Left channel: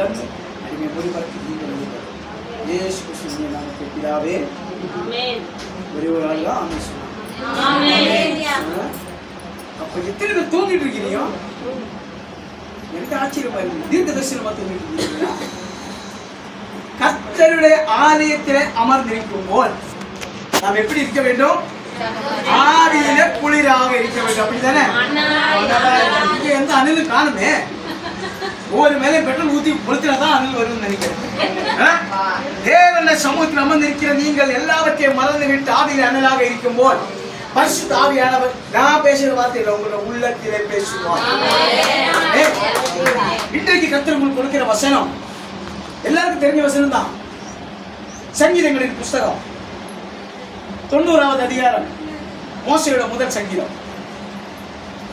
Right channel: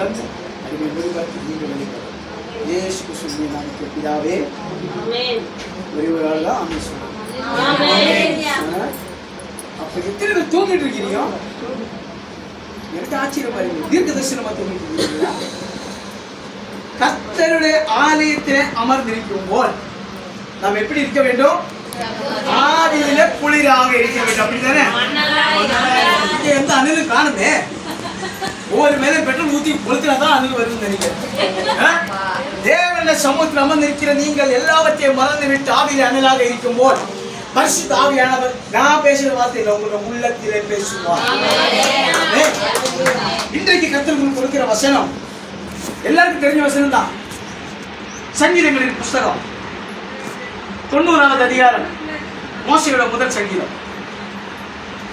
தந்து அடிமை ஒளிபரப்பி நீங்கள் வெளிப்படும் இயேசு கிறிஸ்துவின் நாமத்தில் பிதாவே ஒருவரால் தான் ஆமென் சொன்னாங்க. அப்ப எத்தனை பேர் தூங்கிட்டு இருக்கிறீங்க? எனக்கு ஆச்சரியமா இருக்கு. தீர்க்க தரிசனமா தூங்கிட்டு இருக்கீங்களா? கர்த்தருடைய ஆலயத்திலே அமர்ந்திருக்கும் போல் நாம் எப்படி இருக்க வேண்டும்? ஆவியில குளிராக இருக்க வேண்டும். அப்படித்தானே? இங்க எந்த அணிலும் காணுமே. ஒவ்வொரு மேலும் பெட்ரோல் ஊத்தி கொளுத்தினாதான் அணில் வரும்னு நினைக்கிறேன். தேவனுடைய சமூகத்தில் அமர்ந்திருக்கிற நீங்கள் எல்லாவற்றையும் மறந்து விட்டு ஆவியில அணிலாக இருக்கும் போல் பரிசுத்த ஆவியானவர் நான் பேசுற வார்த்தையில உங்களோட உள்ளத்திலே பேசுவார். இன்றைக்கு கர்த்தர் உங்களுக்கு கொடுக்கிற வசனம் எல்லாருக்கும் தெரிஞ்ச வசனம் தான். சங்கீதங்களின் புஸ்தகம் 90வது அதிகாரம், மோசேயோட முதல் சங்கீதம்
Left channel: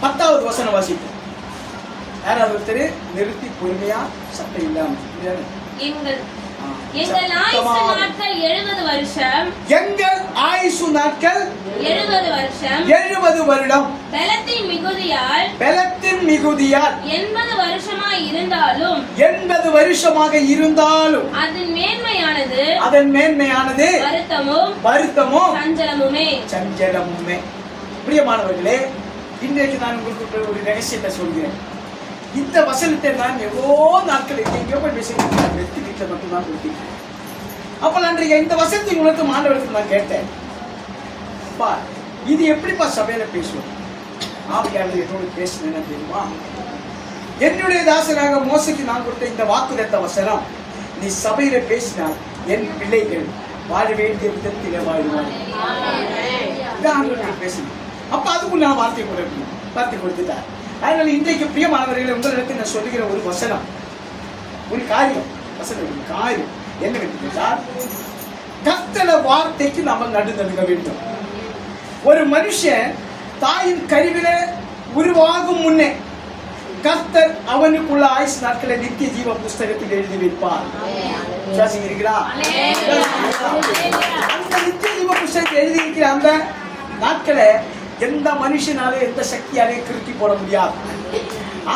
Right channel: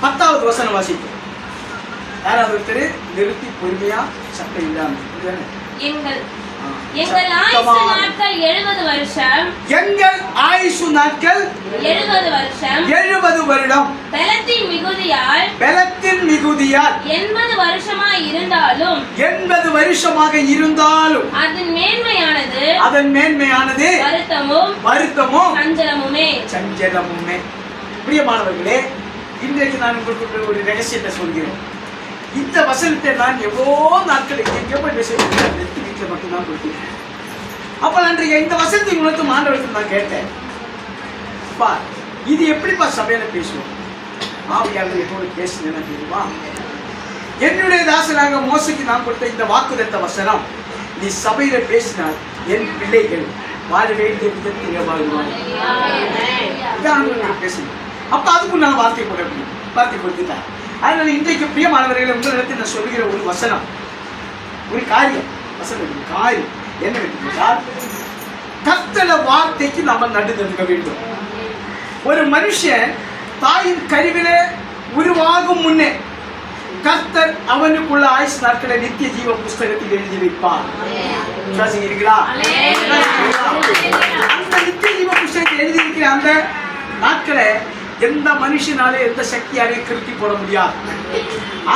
10வது வசனம் வாசிக்கும். யாராவது ஒருத்தர் நிறுத்தி பொறுமையா சத்தம் இல்லாம எங்கள் ஆயுசு நாட்கள் 70 வருஷம். எங்கள் ஆயுசு நாட்கள் 70 வருஷம். 70 வருடம். பலத்தின் மிகுதியால் 80 வருஷமாய் இருந்தாலும் 80 வருஷமாக இருந்தாலும் அதன் மேன்மையானது வருத்தமும் சஞ்சலமுமே. பிரியமானவர்களே, இன்றைக்கு நான் உங்களுக்கு ஒரு ரகசியத்தை சொல்கிறேன். இந்த வசனத்தை நான் எவ்வளோ நாட்கள் எங்கே போய் பேசுகிறேன், வீட்டில் மட்டும்தான் கொடுத்தேன். அப்ப நான் இந்த வசனத்தை உங்களுக்கு மாண்டவர்கள் நான் கேட்டேன், அப்பா இது எப்படிப்பா சபையில பேசுவோம்? ஆவியானவர் என்னோடு பேசுனேன்னா தெரியுமா? என்னுடைய தாசனாக மோசைக்கு நான் கொடுத்த இந்த வாக்குதத்த வசனம், நீ சபையில பேசினால் என் பிள்ளைகள் வாழ வேண்டிய விதத்திலே வாழ்வார்கள். பேசணும். அப்ப அதுக்கு நான் வார்த்தை கொடுத்துட்டேன். அதனால இன்றைக்கு பிரியமானவர்களை உங்களிடத்தில் நான் சொல்லுகிற ஒரு வசனம், ஒரு காரியம், காரியம் என்னவென்றால் கர்த்தருடைய வார்த்தைக்கு நாம நடுநடுங்க வேண்டும். ஒரு மனுஷன் தாயின் கருவில உருவாகும் முன்னே கர்த்தர் அவனுக்குள்ள ஆயுசு நாட்களை நித்திய ஜீவ புஸ்தகத்தில் எழுதி வைப்பார். அந்த நித்திய ஜீவ புஸ்தகத்தில் எழுதி இருக்கிற அந்த நாட்களை எந்த மனுஷனாலே எந்த சக்தியாலே கிறுக்கி போட முடியாது.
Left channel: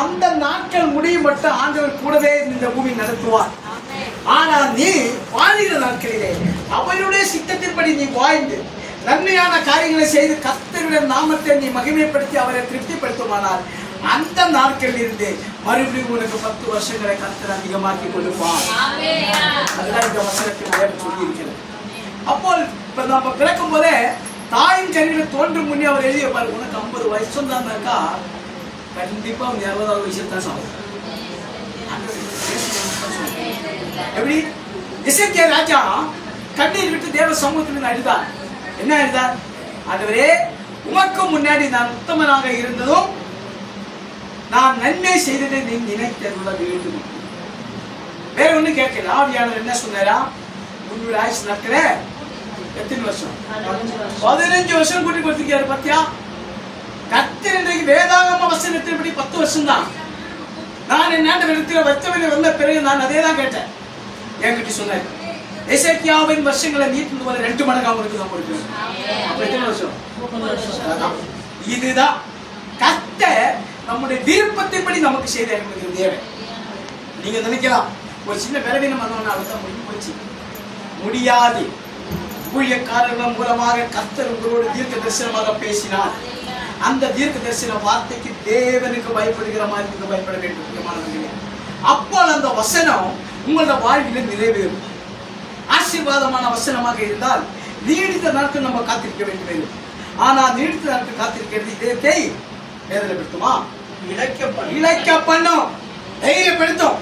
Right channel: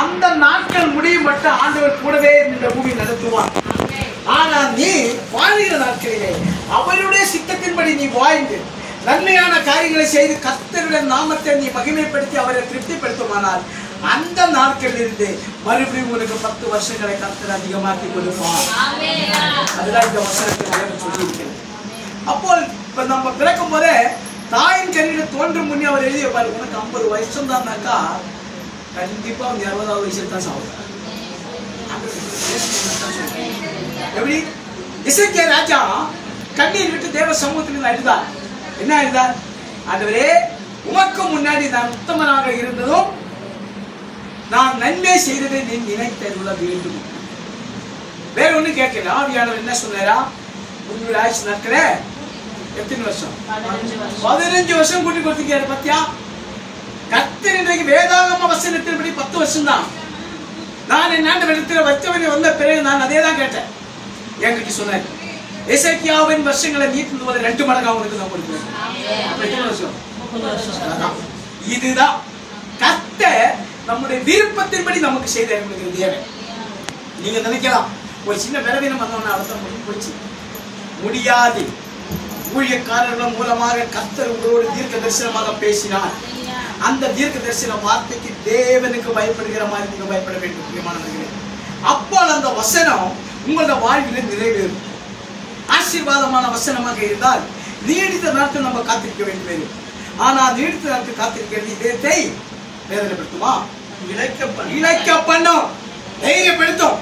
அந்த நாட்கள் முடியும் மட்டும் ஆண்டவர் கூடவே இந்த பூமி நடத்துவார். ஆனா நீ வாழ்கிற நாட்களிலே அவருடைய சித்தத்தின்படி நீ வாழ்ந்து நன்மையான காரியங்களை செய்து கர்த்தருடைய நாமத்தை நீ மகிமைப்படுத்தி அவரை திருப்திப்படுத்துமானால் அந்த நாட்களில் இருந்து மறுபடியும் உனக்கு 10 வருஷங்களை கர்த்தர் அதிகமாக்கி கொடுப்பார். அதுதான் இந்த வசனத்தில் சொல்லி இருக்கிறது. அப்போ இப்ப நம்ம பிறக்கும் போதே தாயின் கருவியில தோன்றும் முன்னே அவர் எழுதிய பாரு, உனக்கு 50 வருஷம் தான்னாக்கா கண்டிப்பா 60வது வயசுல தான் சாகும். எப்படி எசேக்கியா ராஜா கண்ணீர் விட்டு தேவ சமூகத்தில் அழுதார். என்ன அழுதார்? ஆண்டவரே, உமக்கு முன்னாடி நான் உத்தமனாக இருந்ததும் நான் நன்மை செய்ததை நீ நினைத்தருள வேண்டும். வேற ஒண்ணு கேட்கல. ஆவியானவர் என்ன சொன்னாரா? உங்களுடைய ஆயுசு நாட்கள எத்தனை வருஷம்? 15 வருஷம் கூட்டி கொடுத்துருக்காரு. பத்தியா, கர்த்தர் இன்றைக்கு வேதாகம வசனத்தின்படி 10 வருஷம் தான். நான் என் ஆண்டவரிடத்தில் வச்சவனை வந்த பிறகு நான் அதே தான் கேட்டேன். என்கிட்ட சொன்னார், எசேக்கியாவின் வருஷங்களை நீட்டு போல 2 மடங்கு அவனுக்கு தான் கொடுப்பேன். இதுதான் கர்த்தர் நம்முடைய விருப்பத்தின்படி நமக்கு செய்த தேவன். நீங்க நினைக்கலாம், ஒரு சின்ன பலவீனம் வந்தவன அடுத்த முடிச்சு முடியாது. ஊழியக்காரர்கள் மூலமாக கர்த்தர் உங்களோடு தீர்க்க தரிசனமாக பேசினார். அந்த தீர்க்க தரிசன வார்த்தைக்கு தேவனுக்கு பயப்படுகிற மாதிரி நீங்க பயப்பட வேண்டும். அப்போ அந்த வசனம் உங்களோட வாழ்வில் நிறைவேறும். ஆசீர்வாதமான வசனமாக இருந்தால் நீடித்த நாட்கள் நம்ம காத்திருக்க வேண்டும். ஆனா நீடித்த நாட்கள் காத்திருக்கிறது இதயத்தை வேதனைப்படுத்துமா? இழைக்க பண்ணும், தைரியப்படுத்தும்.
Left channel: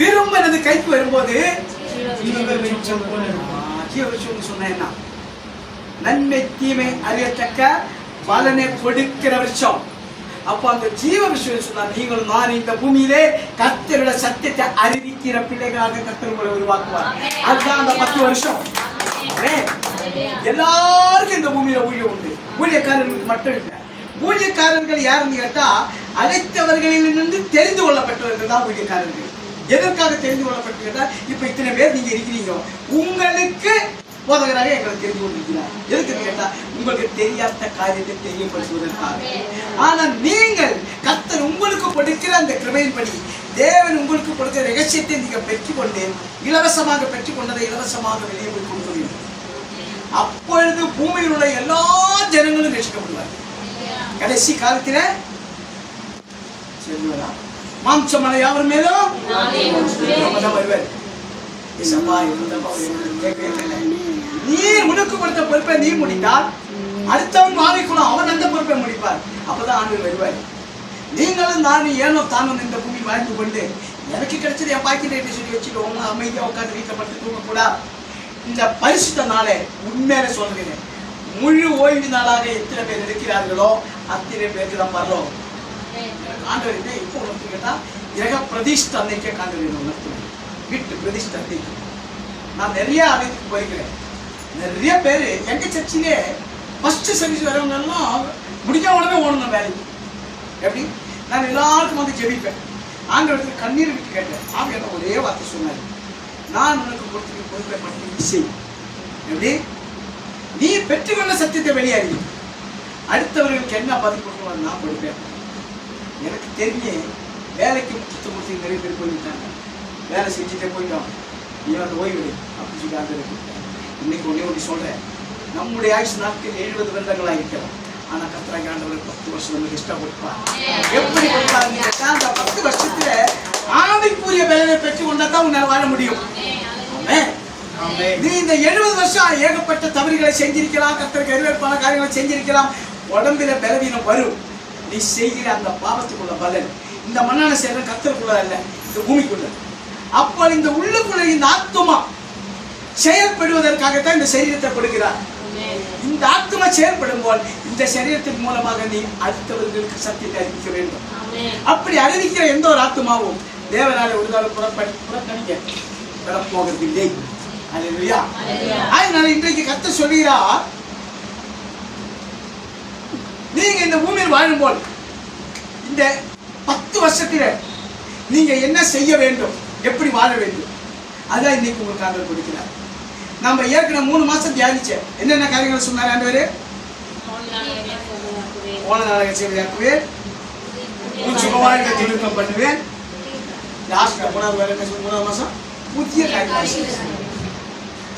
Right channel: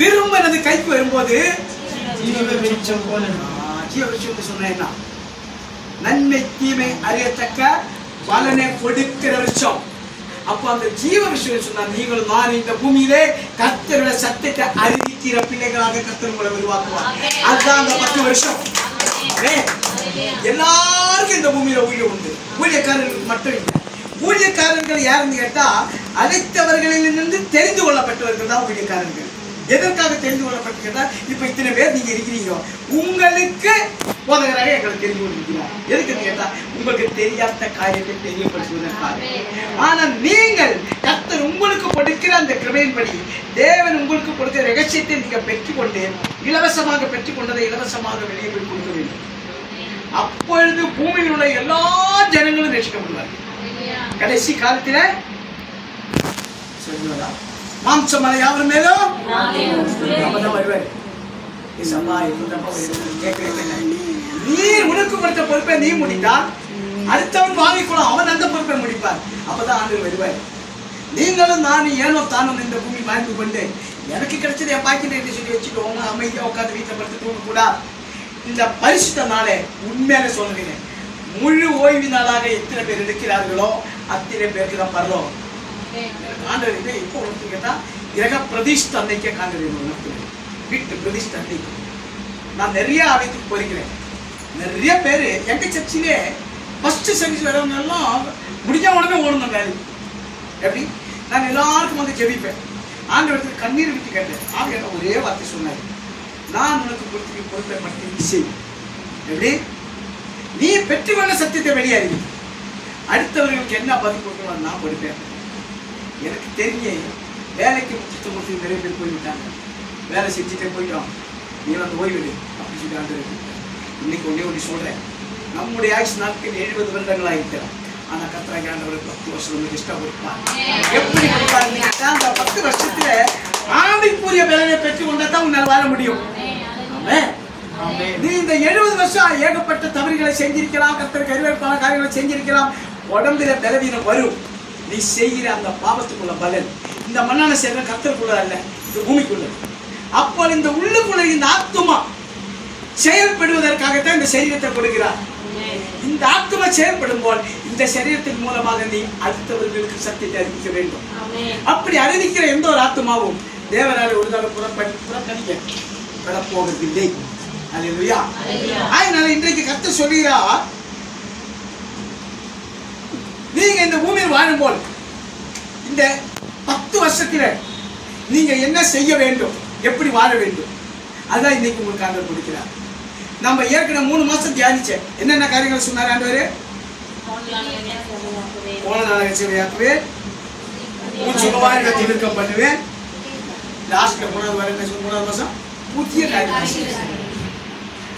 விரும்பினது கைக்கு வரும்போது சொன்ன நன்மை தீமை அறியத்தக்க பலனை கொடுக்கிற விஷயம். அப்ப அந்த ஜீவ விஷயம் சொன்னா, நீங்கள் நான் இந்த பூமியிலே கர்த்தருடைய சத்தியத்தை அறிவிக்கிற பிள்ளைகளாக கர்த்தர் உங்களை உருவாக்குவார். அதுதான் அந்த 10 வருஷம். எல்லாருக்கும் இந்த பூமியில ஊழியம் உண்டு. ஊழியக்காரர்களுக்கு மட்டும் இல்லை. ஊழியக்காரர்கள் யாருன்னு கேட்டா, அனைத்தவர்களிலிருந்து தெரிந்து கொள்ளப்பட்டவர்கள் தான் ஊழியக்காரர்கள். எதற்காக தெரிந்து கொள்ளப்பட்டு கேட்டா, இப்ப இத்தனை பேர் நீங்க இருக்கிறீங்க, உங்களுக்கு போதகராக எங்களுக்கு தெரிந்து கொண்டிருக்கிறார். எதுக்கு கேட்டா, உங்களுக்கு தெரியாத காரியத்தை தெரியப்படுத்துவதற்காக. ஆனா நீங்கள் கர்த்தர் உங்களுக்கு கொடுக்கிற அந்த கிருபையின்படி தேவன் உங்களுக்கு கொடுக்கிற ரகசியத்தை நீங்க பெற்றுக்கொண்டு இலவசமாக பெற்றுக்கொண்டதை இலவசமாக வெளியே போய் கொடுக்க வேண்டும். அப்பொழுது பூமியில் உள்ள எல்லா ஜனங்களும் ரட்சிக்கப்படுவார்கள். கடைசி காலத்தில சொல்லுவதா மாம்சமான யாவர் மேலும் வருவார். நீ உனக்கு கொடுத்த பொறுப்பை நீ முடித்தால் அடுத்தவன் வாங்கிக்கொள்ளும், அவன் அந்த பொறுப்பை முடிப்பார். அப்பதான் ஆண்டு வருவார். நீங்களும் நானும் ஏனோ தானும் இந்த பூமி வாழ்ந்து கொண்டு எனக்கு கிடைச்சது என் பாக்கிட்டு சொல்லி வச்சுக்கோங்க, அமைதியா உட்காந்து வீட்டை படுத்து தூங்க கூடாது. இந்த பரிசுத்த நாளை உண்மையில சொல்லுகிறேன், முழு ஓய்வு நாளாக எத்தனை பேர் இருக்கிறார்களோ அத்தனை பேருக்கு தான் பரலோகம். ஆண்டவர்கிட்ட இப்போ உணர்த்து கேட்டா கிரக பிரதிஷ்ட அன்னைக்கே ஆண்டவர் உணர்த்துவேன். வீட்டு பிரதிஷ்ட அன்னைக்கு நான் நிறைய ஆலயத்துக்கு போயிருக்கிறேன். நிறைய பேர் எங்க சர்ச்சிலே ஃபர்ஸ்ட் சர்வீஸ் வரவங்க எல்லாம் முடிஞ்ச உடனே ஓடணும் வேலை. எப்படி நான் எல்லாருக்கும் வந்து ஜெபிப்பேன். ஆண்டவருக்கு கண்ணீர் விட்டு கேட்டேன். ஆண்டு கேட்ட ஒரே வார்த்தை சொன்னார், நான் உனக்கு கொடுத்து பொறுப்பை மட்டும் செய். எப்படி நீ பெற்றுக்கொண்ட சத்தியத்தை வெளியாறி அடுத்தவர்களுக்கு என்ன பதில் கொடுக்கணும் நான் கொடுப்பேன். எனக்கு தெரிஞ்ச வேலைக்கு முக்கியத்துவம் கொடுத்து நிறைய பேர் போய்விட்டாங்க. வேலை செஞ்சுட்டே போயிட்டோம், நீ வந்து ஓய்விடு அப்படின்னு சொல்லி ஆண்டு இன்னைக்கு ஒன்னே ஒன்று சொல்றேன், நம்முடைய ஆயுஷ் நாட்கள் 70 வருடங்கள் ஆகிட்டோம். ஆனா கர்த்தராகிய ஆண்டவர் 10 வருஷம் நமக்கு இஷ்டம் கொடுப்பார். எப்படி கொடுப்பாருன்னு கேட்டா அந்த 10 வருஷத்துல ஆவிக்குரிய பலனை பெற்றுக் கொண்டா தான் உன்னால் வாழ முடியும். நீ இந்த 70 வருஷம் ஏகப்பட்ட தவறுகளை செஞ்சிருக்கலாம், கர்த்தருக்கு எதிர்ப்பான காரியங்களை செஞ்சிருக்கலாம், உடம்புல பலவீனம் வரும். நீ செய்கிற அந்த பாவத்துக்குள்ள பலன் இந்த மண்ணான செய்யற கர்த்தருக்குள்ள அல்ல, இந்த பூமிக்குள்ள. அப்ப இந்த உள்ளுக்குள்ள இந்த ஆத்துமா செயல்படுவதற்காகத்தான் இந்த சரீரத்தை கொடுக்கிறார். இந்த ஆத்துமா செயல்படும் போல் இந்த சரீரத்தின் மூலமாக நீ அடுத்தவர்களுக்கு சத்தியத்தை அறிவிக்க வேண்டும். அப்படி அறிவிக்கிற எந்த ஒரு ஆத்துமாவும் தேவனால ஒரு தடவை புறக்கணிக்க போவதில்லை. அல்லேலூயா. அதனால இன்றைக்கு கர்த்தர் சொல்கிறார், நீங்க இந்த பூமியில் வாழும் போல் இந்த 10 வருஷத்துல நீங்க என்ன செய்ய வேண்டும், எப்படி வாழ வேண்டும், அதுதான் இன்னைக்கு உங்களுக்கு ஆண்டவர் கொடுக்கிறார். நம்ம ஏற்கனவே 3 மாசம் தியானிச்சேன். என்னென்ன காரியங்கள் சொன்னார் ஆண்டவர்? போன நாளாக சேவையாக்குவேன், சுகவாரிகளை திருத்தம் பண்ணுவேன். லாஸ்ட் 3வது வரை என்ன 3வது மாசம் புதிய காரியங்கள்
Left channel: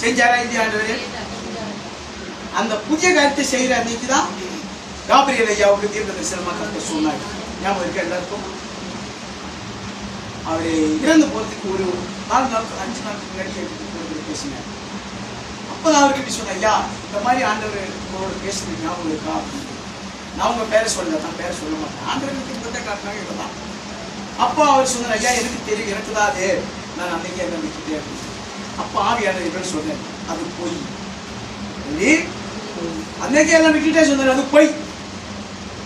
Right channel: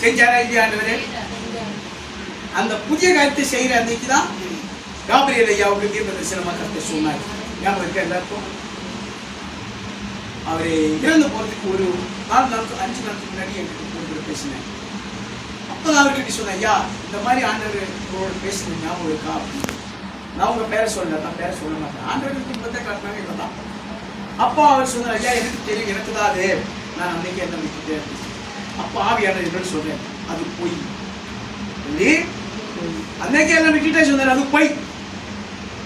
செஞ்சாரா இல்லையா ஆண்டவரே? அந்த புதிய காரியத்தை செய்யற அன்னைக்கு தான் காபிரியல் ஐயாவுக்கு தீர்க்க தரிசனமா கர்த்தர் சொன்னார். ஞாபகம் இருக்க எல்லாருக்கும்? அவரு இறந்து போறதுக்கு ஒரு 4 நாள் 5 நாளுக்கு முன்னாடி பேசினார். அப்பதான் அவர்கிட்ட சொன்ன, ஐயா இந்த மாதிரி ஆண்டவர் பேசுனீங்க ஞாபகம் இருக்கா அப்படின்னு. நான் உங்க பேரை சொல்ல தான் பேரை சொல்ல மாட்டேன், ஆண்டவருக்கு துன்பத்தை காட்டினாங்க இவ்வளவுதான். அப்போ அவர் சொன்னார், ஐயா எனக்கு தெரியும், எனக்கு தான் அது, நான் அன்னைக்கு என்ன விட்டுட்டேன் அப்படின்னு. அப்போ ஆவியானவர் சொல்றேன், அது போய் அன்னைக்கு என்ன விட்டுட்டே சொன்னார், அது போய்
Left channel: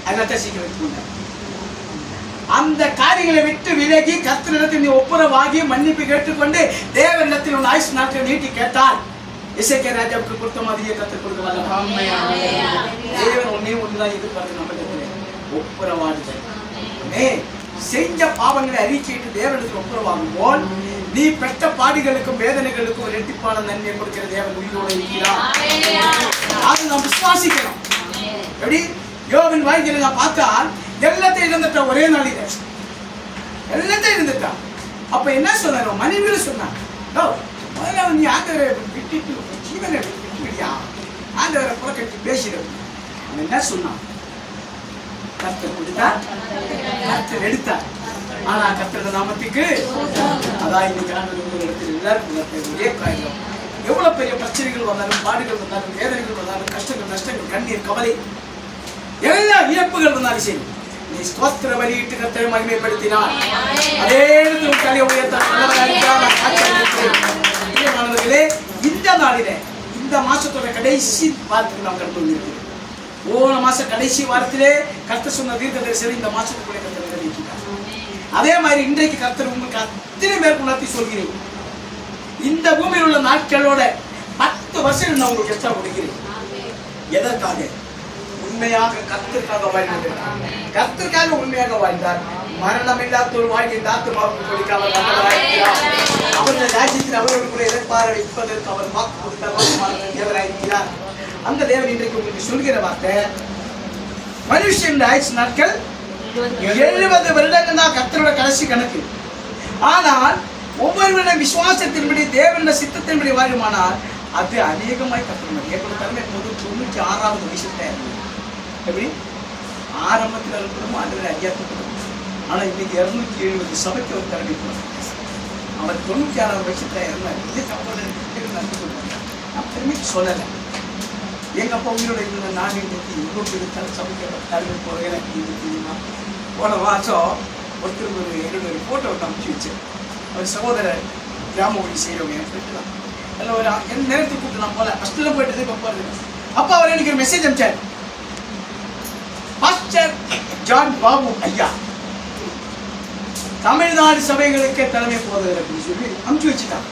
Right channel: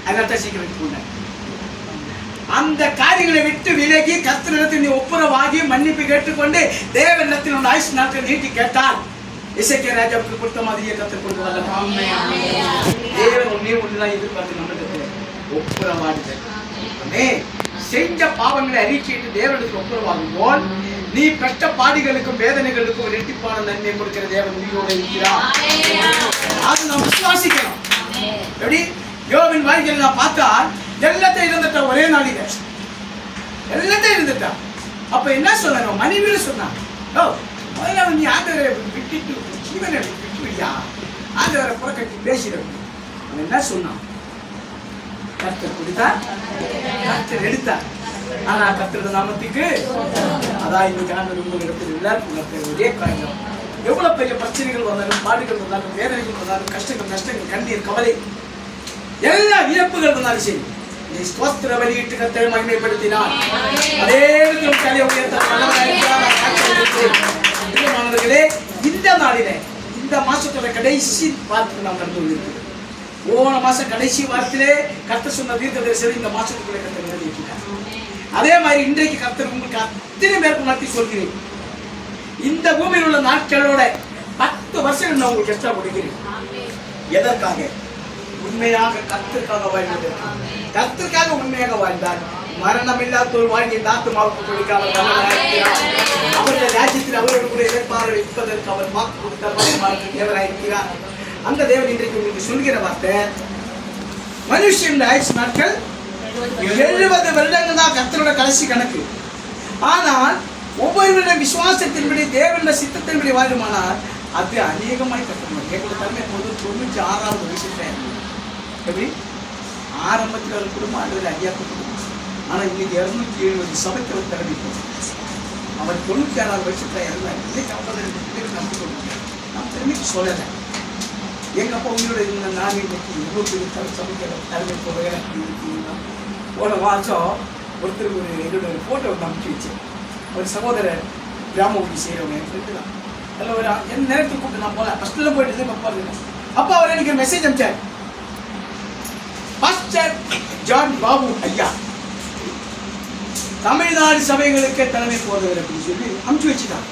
அதனால சீக்கிரம் போனார். அந்த காரியங்களை விட்டு விலகி கர்த்தரிடத்தில் நீ ஒப்புரவாகி மன்னிப்பு கேட்டுக்கொண்டு தேவனிடத்தில் உன் ஆயுசு நாட்கள் நீட்டி கேட்டால் இசைக்கிய ராஜாவுக்கு கொடுத்த மாதிரியே கர்த்தர் கொடுக்கலாம். தேவன் ஒன்னே ஒண்ணுதான் எதிர்பார்த்து நம்மளுக்கு ஒப்புரவாடுதல். செஞ்ச பாவங்களை அறிக்கையிட்டு தேவனுக்கு ஒப்புரவாகும் போல் நீ பெற்ற பாடிகளுக்கும் வேதனைகளுக்கும் இரட்டிப்பான நன்மை கொடுக்கிற தேவன் உயிரோடு இருக்கிறார். அது நாம் விசுவாசிக்கணும். எப்படி யோபின் வாழ்க்கையில் நான் பார்த்தா எல்லாத்தையும் இருந்துட்டா, ஒரே நாளில எல்லாத்தையும் இருந்துட்டா. அப்ப என்ன சொன்ன மனைவியில சொன்னான், நீ ஆண்டவரை விட்டுட்டு ஜீவனை விட்டு விடியா, ஆண்டவரை புறக்கட்டி பேசிடும். என்ன சொன்னான்? கர்த்தர் கொடுத்தார், கர்த்தர் எடுத்தார். ஆனா கர்த்தர் நாமத்துக்கு அதான் இன்னைக்கு ஆண்டவர் இடத்தில் எல்லாருக்கும் ஒரே காரியம். எவ்வளவு பெரிய பிரச்சனைகள் வந்தாலும், பாடுகள் வந்தாலும், வேதனைகள் வந்தாலும், கஷ்டங்கள் நஷ்டங்கள் கண்ணீர் கவலை எல்லா இழப்புகள் வந்தாலும் சரி, நீ ஸ்தோத்திர பலியிட்டு கர்த்தரை மகிமைப்படுத்தினார். அதே தலையை உயர்த்தானவர்களே, இந்த நாளிலே இந்த மாசத்தோட கடைசி வாரத்துக்கு நாம் கடந்து வந்திருக்கிறோம். போன மாசம் கடைசி வாரத்திலே கர்த்தர் சொன்ன தீர்க்க தரிசனம் இந்த மாசத்துக்குள்ளே கர்த்தர் நிறைவேற்றினார். அதே மாதிரி இன்றைக்கு கர்த்தர் உங்களுக்கு அத்தனை பேருக்கு நடத்தி சொல்கிறேன். இந்த பூமியில் உள்ள நாட்களோட 10 வருஷம் நான் உங்களுக்கு எக்ஸ்ட்ரா கொடுக்கிறேன். எதற்காக? உண்மையாக கர்த்தருக்காக வாழ்ந்தார். கர்த்தருக்காக உண்மையாக வாழ்ந்தார். மரணம் இல்லாத ஒரு வாழ்க்கை ஆத்மாவுக்கு கொடுக்க அவர் அவருடைய ராஜ்யத்தில் அவரோடு கூட எதிர்பார்வை வைப்பதற்கு அவர் வாக்கு கொடுத்தார். தேவராயிருக்கிறார். அந்த தேவன் இன்றைக்கு உங்களுக்கு சொல்கிற வார்த்தை, மனுஷன் ஆயுசு நாட்கள் 70 வருடங்கள் தான் கர்த்தரோட கடைசி கணக்கு. ஆனால் ஒவ்வொருவருடைய விசுவாசத்தின்படி தேவனுடைய சித்தத்தின்படி வாழுமானால் அது அநேகமாய் கற்றுக்கணும். எப்படி பாருங்க, 96வது வயசுல எப்படி ஆரம்பத்தில் அவர் குடும்பம் ஆண்டவர் அறியாக்கப்படும். ஆனால் இன்னைக்கு 270 சபைக்கு அவர் தரப்பி அவர் 96வது வயசுல இறந்தார். நான் பெருமைக்கு சொல்லலை. எங்க அப்பா உங்களோட இந்த நான் இன்னைக்கு இவ்வளோ பெரிய சபைக்கு தலைமை போகிறேன். போன மாதம் ஒருத்தர் என்னோட ஒரு ஃபோட்டோ அனுப்பிச்சு வச்சேன். ஒரு சகோதரர் கிராம ஊழி செய்கிறவங்க என் ஃப்ரெண்டு தான். அதில் ஒரு என் நேரத்துக்கு கூப்பிட்டு நான் போகல, ஃபஸ்ட்டில் போயிட்டு போகிறது. அப்போ அவர் எனக்கு ஒரு மெசேஜ் அனுப்பிச்சார். பாஸ்டர் ஜான் பாபு ஐயா தமிழ்நாடு சபைகளுக்கே தலைமை போகிறவர் அப்படின்னு சொல்லி அனுப்பிச்சு வச்சுட்டான்.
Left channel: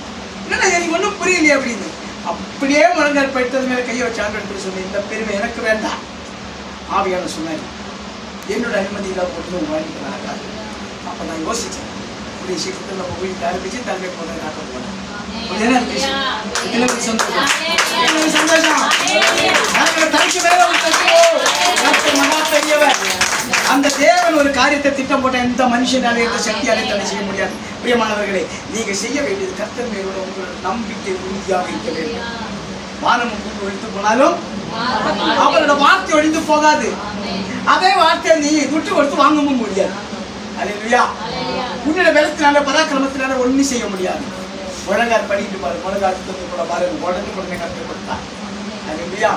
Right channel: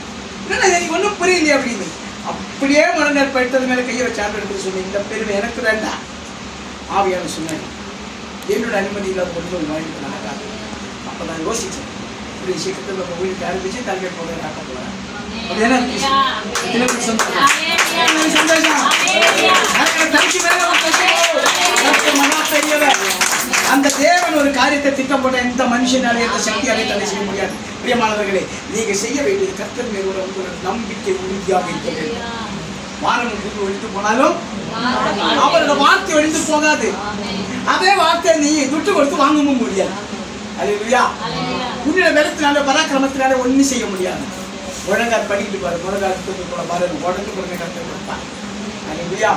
என்னன்னா எனக்கு ஒன்றும் புரியலையே அப்படின்னு. அப்படியே மனதார் போயிட்டது மேலே கையை வச்சாண்டு எடுத்து சொல்லி, இந்த பெருமை எனக்கு வேண்டாம். ஆவியான சொன்னாங்க, என்னோட அனுமதி இல்லாத மட்டும் வாழ்க்கை நடக்காது. அப்போ நான் யோசித்தேன், இப்படி சீக்கிரத்தில் நம்ம வீட்டுக்கு ஆரம்பிச்சு தலைமை போகிறத ஆக்க போகிறேன். அந்த தேவன் ஒரு காரியத்தை திட்டம் போட்ட எந்த மனுஷனாலே எந்த சக்தியாலே தடை செய்ய முடியாது. பிரியமானவர்களே, நீங்க செய்ய வேண்டியது கர்த்தர் மேலோட உங்களோட நம்பிக்கை உறுதியாக இருக்க வேண்டும். வானம் உங்களுக்கு ஒழித்து போனாலும் அவரோட வார்த்தை ஒழிந்து போகாது. அதே வார்த்தையை நீ துட்டு கொடுத்து வாங்கவும் முடியாது. அல்லேலூயா. உன்னோட பலத்தினால பராக்கிரமத்தினால ஒன்றும் செய்ய முடியாது. ஒழுங்கார் படிக்கிட்டு பாரு, ஒழுங்காட்டு பாருங்க, உடனே உடனே கஷ்டப்படுத்தார். அல்லேலூயா.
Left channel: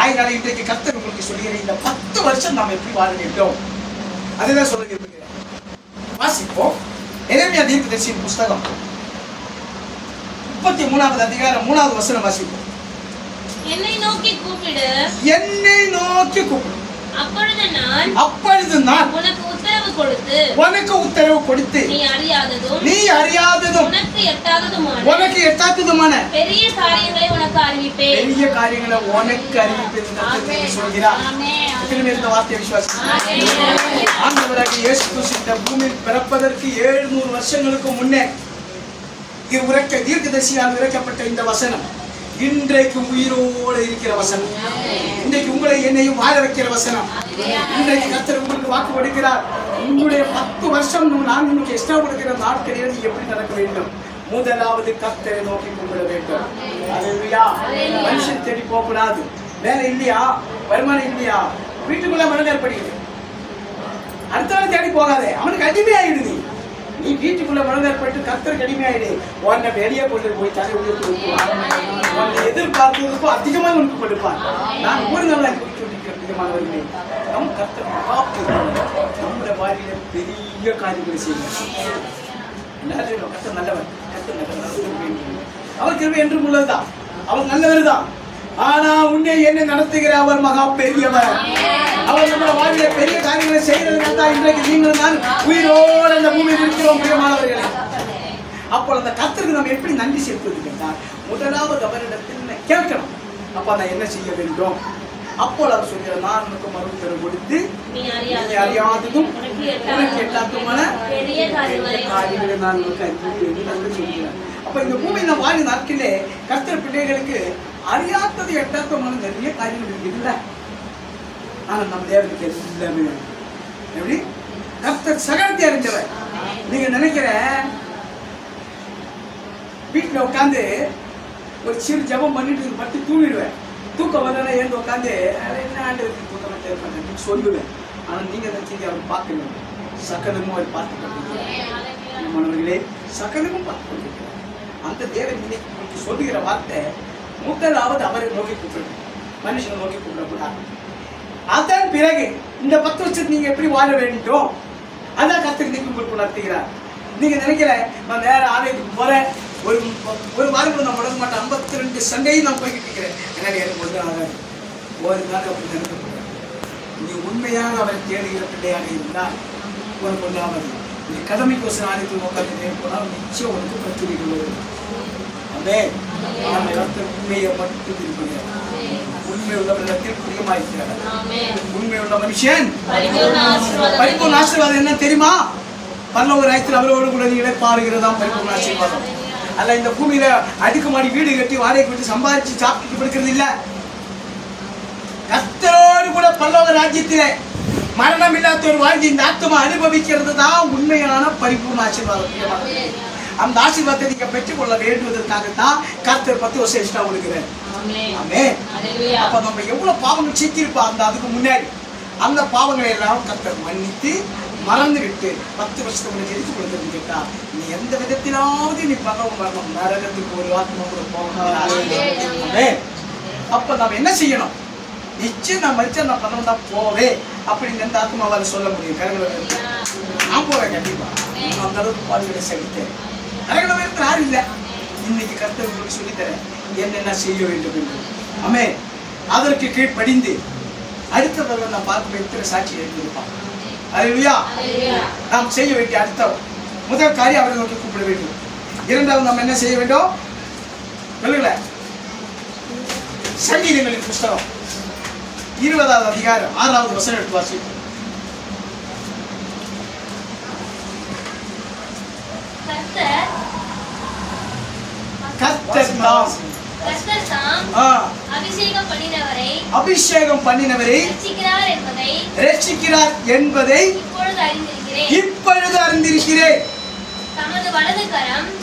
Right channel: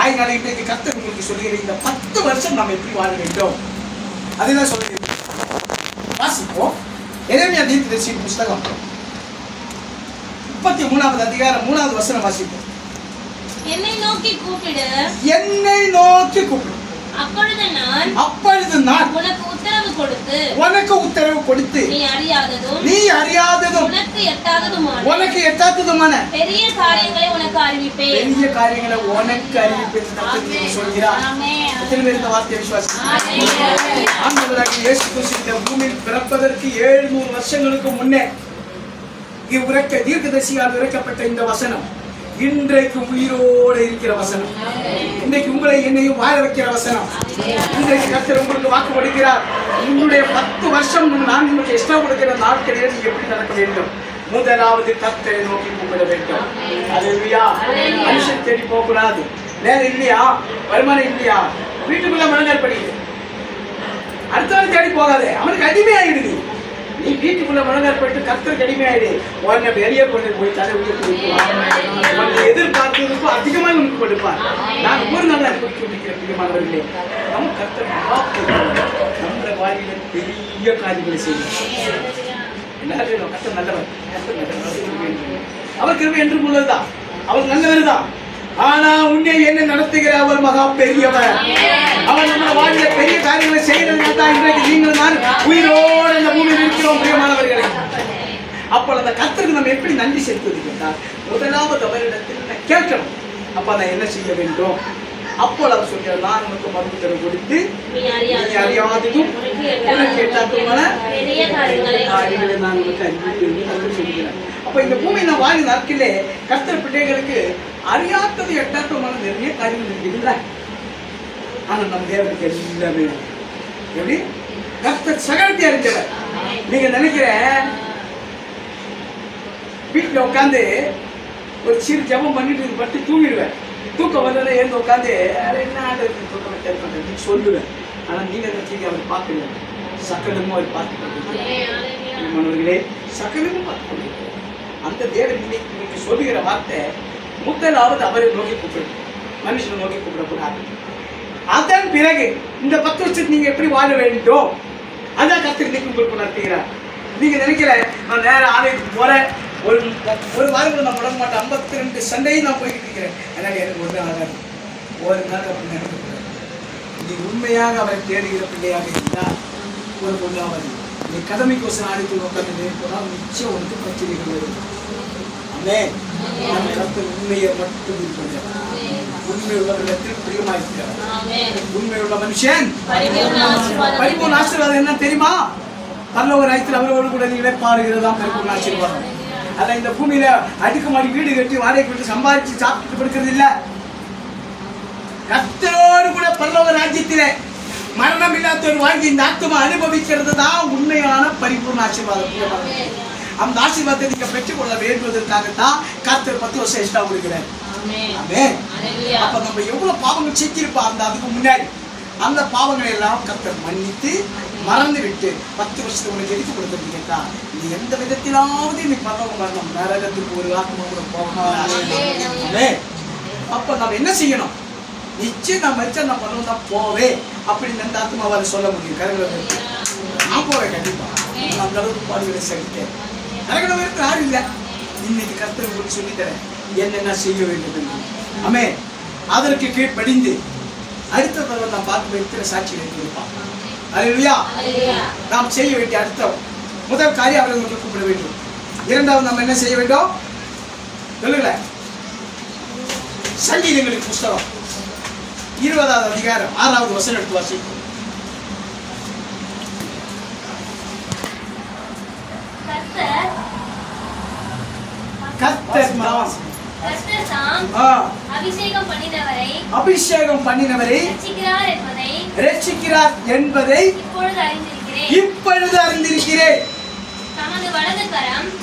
அதனால இன்றைக்கு கர்த்தர் உங்களுக்கு சொல்லுகிற இந்த 10 வருஷம் நாம் எப்படி வாழ வேண்டும் அதுதான் சொல்லுங்க. வாசிப்போம். எரேமியா தீர்க்கதரிசியின் புஸ்தகம் 33வது அதிகாரம் 3வது வசனம் வாசிப்போம். என்னை நோக்கி கூப்பிடு, என்னை நோக்கி கூப்பிடு, அப்பொழுது நான் உனக்கு உத்தரவு கொடுத்து நீ அறியாததும் உனக்கு எட்டாததுமான பெரிய காரியங்களை உனக்கு அறிவிப்பேன். பெரிய காரியங்களை உனக்கு அறிவிப்பேன் சொல்கிறார். இந்த வார்த்தையை விசுவாசிக்கிறேன். ஆண்டவராகிய இயேசு கிறிஸ்து இந்த பூமியில் பிறப்பதற்கு 700 வருஷங்களுக்கு முன்னே தீர்க்கதரிசியால் உரைக்கப்பட்ட இந்த வசனம் இன்றைக்கு உயிரோடு இருக்கிற வசனம். இன்றைக்கு உங்களை என்னையும் வாழ வைக்கிற வசனம். இன்றைக்கு கர்த்தர் உங்களுக்கு வாக்கு கொடுக்கிறார். உங்களுடைய 10 வருஷம் நான் உங்களுக்கு எக்ஸ்ட்ரா கொடுக்கிற நாட்களில் நீங்க எப்படி நடக்க வேண்டும்? முதலாவது கர்த்தரை நோக்கி கூப்பிட வேண்டும். அல்லேலூயா. மனுஷன் தேடி போக கூடாது. வேலை இல்லையா, வருமானம் இல்லையா, வீட்டுக்குள்ள மனதார் படிக்குது, அடுத்தவன் தேடி போகாதே, அவனுக்கு அடிமையாயிடுது. நீ வீட்டுக்குள்ள மனதார் போயிட்டு கர்த்தருக்கு அடிமையாயிடு. உன்னை வெளியே கொண்டு போய் தலை உயர்த்தி உன்னை எதிர்பார்த்ததுக்கும் அதிகமாக உனக்கு கொடுப்பார். நான் ஒரு நாள் குறிப்பிட்டிருக்கிறேன். அதிகமானவர்களே, நம் கர்த்தர் நம்மளோட வாழ்க்கையில பெரிய காரியங்களை செய்யணும். கர்த்தர் நல்லவர், அவர் கிருபை என்றும் உள்ளதுதான், அவர் நல்லவர் தான். ஆனா உன்னை என்ன நடத்துகிற அவர் மகா பெரியவர். அவர் நம்மளோட வாழ்க்கையில பெரிய காரியங்களை செய்யறதுனால இன்றைக்கு நீங்கள் நான் உயிரோடு அந்த பூமியில் இருக்கிறோம். பிரியமானவர்களே, அப்போ அந்த கர்த்தருக்கு நம்ம எப்படி நன்றி செலுத்துவது கேட்டால், முதலாவது அவரிடத்தில் கேட்கணும். அப்ப நான் என்ன செய்ய வேண்டும்? அப்போ அவர் சொல்கிறார், நான் உனக்கு மறுபடியும் கொடுத்து நீ அறியாததும் உனக்கு எட்டாததுமான பெரிய காரியங்களை நான் உனக்கு அறிவிப்பேன் சொல்கிறேன். அப்ப இந்த பூமியில் நான் வாழும் நாட்களே கர்த்தர் பிள்ளைகளுக்கு அறியாதது எட்டாதமான நிறைய காரியங்கள் இருக்குதுல்ல. ஆனா நம்ம தேவனுக்கு எல்லாமே எப்படி கர்த்தர் சகலத்தை அறிஞ்சவர். நீங்க நினைக்கிற வீட்டுல உட்காந்து ஒரு சிறு ஜபம் பண்ணிட்டு பட்டு தூங்கிடுவேன். தூக்கம் வந்தா ஏந்து உட்காந்து என்ன ஆண்டவருக்கு தூக்கம் பண்றேன்னு சொல்லுவேன். ஆனா நீங்க நினைச்சீங்க அவர் பார்க்கணும், சகலமும் அவர் பார்த்து கொண்டிருக்கிறார். சகலமும் பார்த்து கொண்டிருக்கிறார். அந்த தேவன் இன்னைக்கு உங்களுக்கு சொல்லுகிற வார்த்தை, முதலாவது அவரை நோக்கி கூப்பிடணும், மனுஷனை நோக்கி கூப்பிடக்கூடாது. அதன் பிறகு இந்த 10 வருஷத்துக்கு நீங்க எப்படி வாழ வேண்டும் அதான் கர்த்தர் இன்னைக்கு உங்களுக்கு நடத்துகிறார். நீங்க நினைக்கிற நான் நேரம் ஆலயத்துக்கு போறேன், ஒரு வாரம் நான் முடங்க மாட்டேன், 52 சண்டையும் நான் போய்கிட்டு இருக்கிறேன், எனக்கு எனக்கு ஒரு நாள் ஒரு நாள் அப்படி நினைக்கக்கூடாது. நீ உண்மையாக அவரை தேடுகிற பிள்ளையாக இருந்தால் ஒரு பொண்ணாவது நீ கடமைக்கோசம் ஆலயத்தில் உட்காந்து போனால் நிச்சயம் உனக்கு பிரச்சனைகள் வரும். கர்த்தர் உண்மையை மட்டும் இருக்கிறார். உண்மை உள்ளவரிடத்தில் பிரியமாயிருக்கிறார். உண்மை உள்ள மனுஷன் பரிபூர்ண ஆசீர்வாதம் என்ன தெரியுமா? பரலோக ராஜ்யத்தில் அவரோடு கூட நீங்களே பாருகிறதாம் பரிபூர்ண ஆசீர்வாதம். அல்ல இந்த பூமியில அடுக்குமாடி வீடு கட்டி வாடகை கொடுத்து சம்பாதிச்சு சாப்பிட்டு கொடுக்கிறது இல்ல. கர்த்தரோடு கூட பரலோக ராஜ்யத்திலே மரணம் இல்லாத ஒரு வாழ்க்கை இந்த ஆத்மா அனுபவிக்கிறது தான் உண்மையான பரிபூர்ண ஆசீர்வாதம். அந்த ஆசீர்வாதத்தை நீங்க பெற்றுக்கொள்ள வேண்டுவதற்காகத்தான் கர்த்தர் 10 வருஷம் எக்ஸ்ட்ரா கொடுக்கிறார். அப்ப நம்ம எவ்வளவு பாவங்கள் செஞ்சிருப்போம் அந்த அதுக்கு முன்னாடி அந்த பாவங்களை எல்லாம் கர்த்தர் மன்னித்து மறந்து விட்டு 10 வருஷத்துக்கு உனக்கு எதிர்த்து கொடுத்தது கேட்டா நீ எந்த விதத்திலாவது நீ பகவம் வரணும், நரகத்துக்கு ஒரு ஆத்மா கூட போகணும். அப்ப நம்ம என்ன செய்யணும்? நிச்சயம் நான் மறிச்சா நான் பண்ணணும் தான் போவே அப்படின்னு எந்த ஆத்மாவால் சொல்ல முடியும். கருங்களை நான் போவேன் கண்டிப்பா. அந்த அளவுக்கு பாடுகளை செலுத்தேன். கருகளை யாரும் இல்லை. இன்னைக்கு கர்த்தர் உங்களுக்கு சொல்லித்தரேன் என்னென்ன செய்ய வேண்டும் என்று. ஆமே, அதற்கு கீழ்ப்படிந்து அடுத்த தடவை நாம் பார்க்க வைக்கிற சாட்சிகளை கொடுப்பான். அல்லேலூயா. நாம் செய்ய வேண்டிய அடுத்த முதல் காரியம் அவரை வந்து கூப்பிட வேண்டும். இரண்டாவது நாம் என்ன செய்ய வேண்டும் சொல்லுங்கள? சங்கீதங்களின் புஸ்தகம் 20வது அதிகாரம் 6வது வசனம் எடுத்து வாசிப்போம். அபிஷேகம் பண்ணினவரை ரட்சிக்கிறார் என்பதை இப்பொழுது அறிந்திருக்கிறேன்.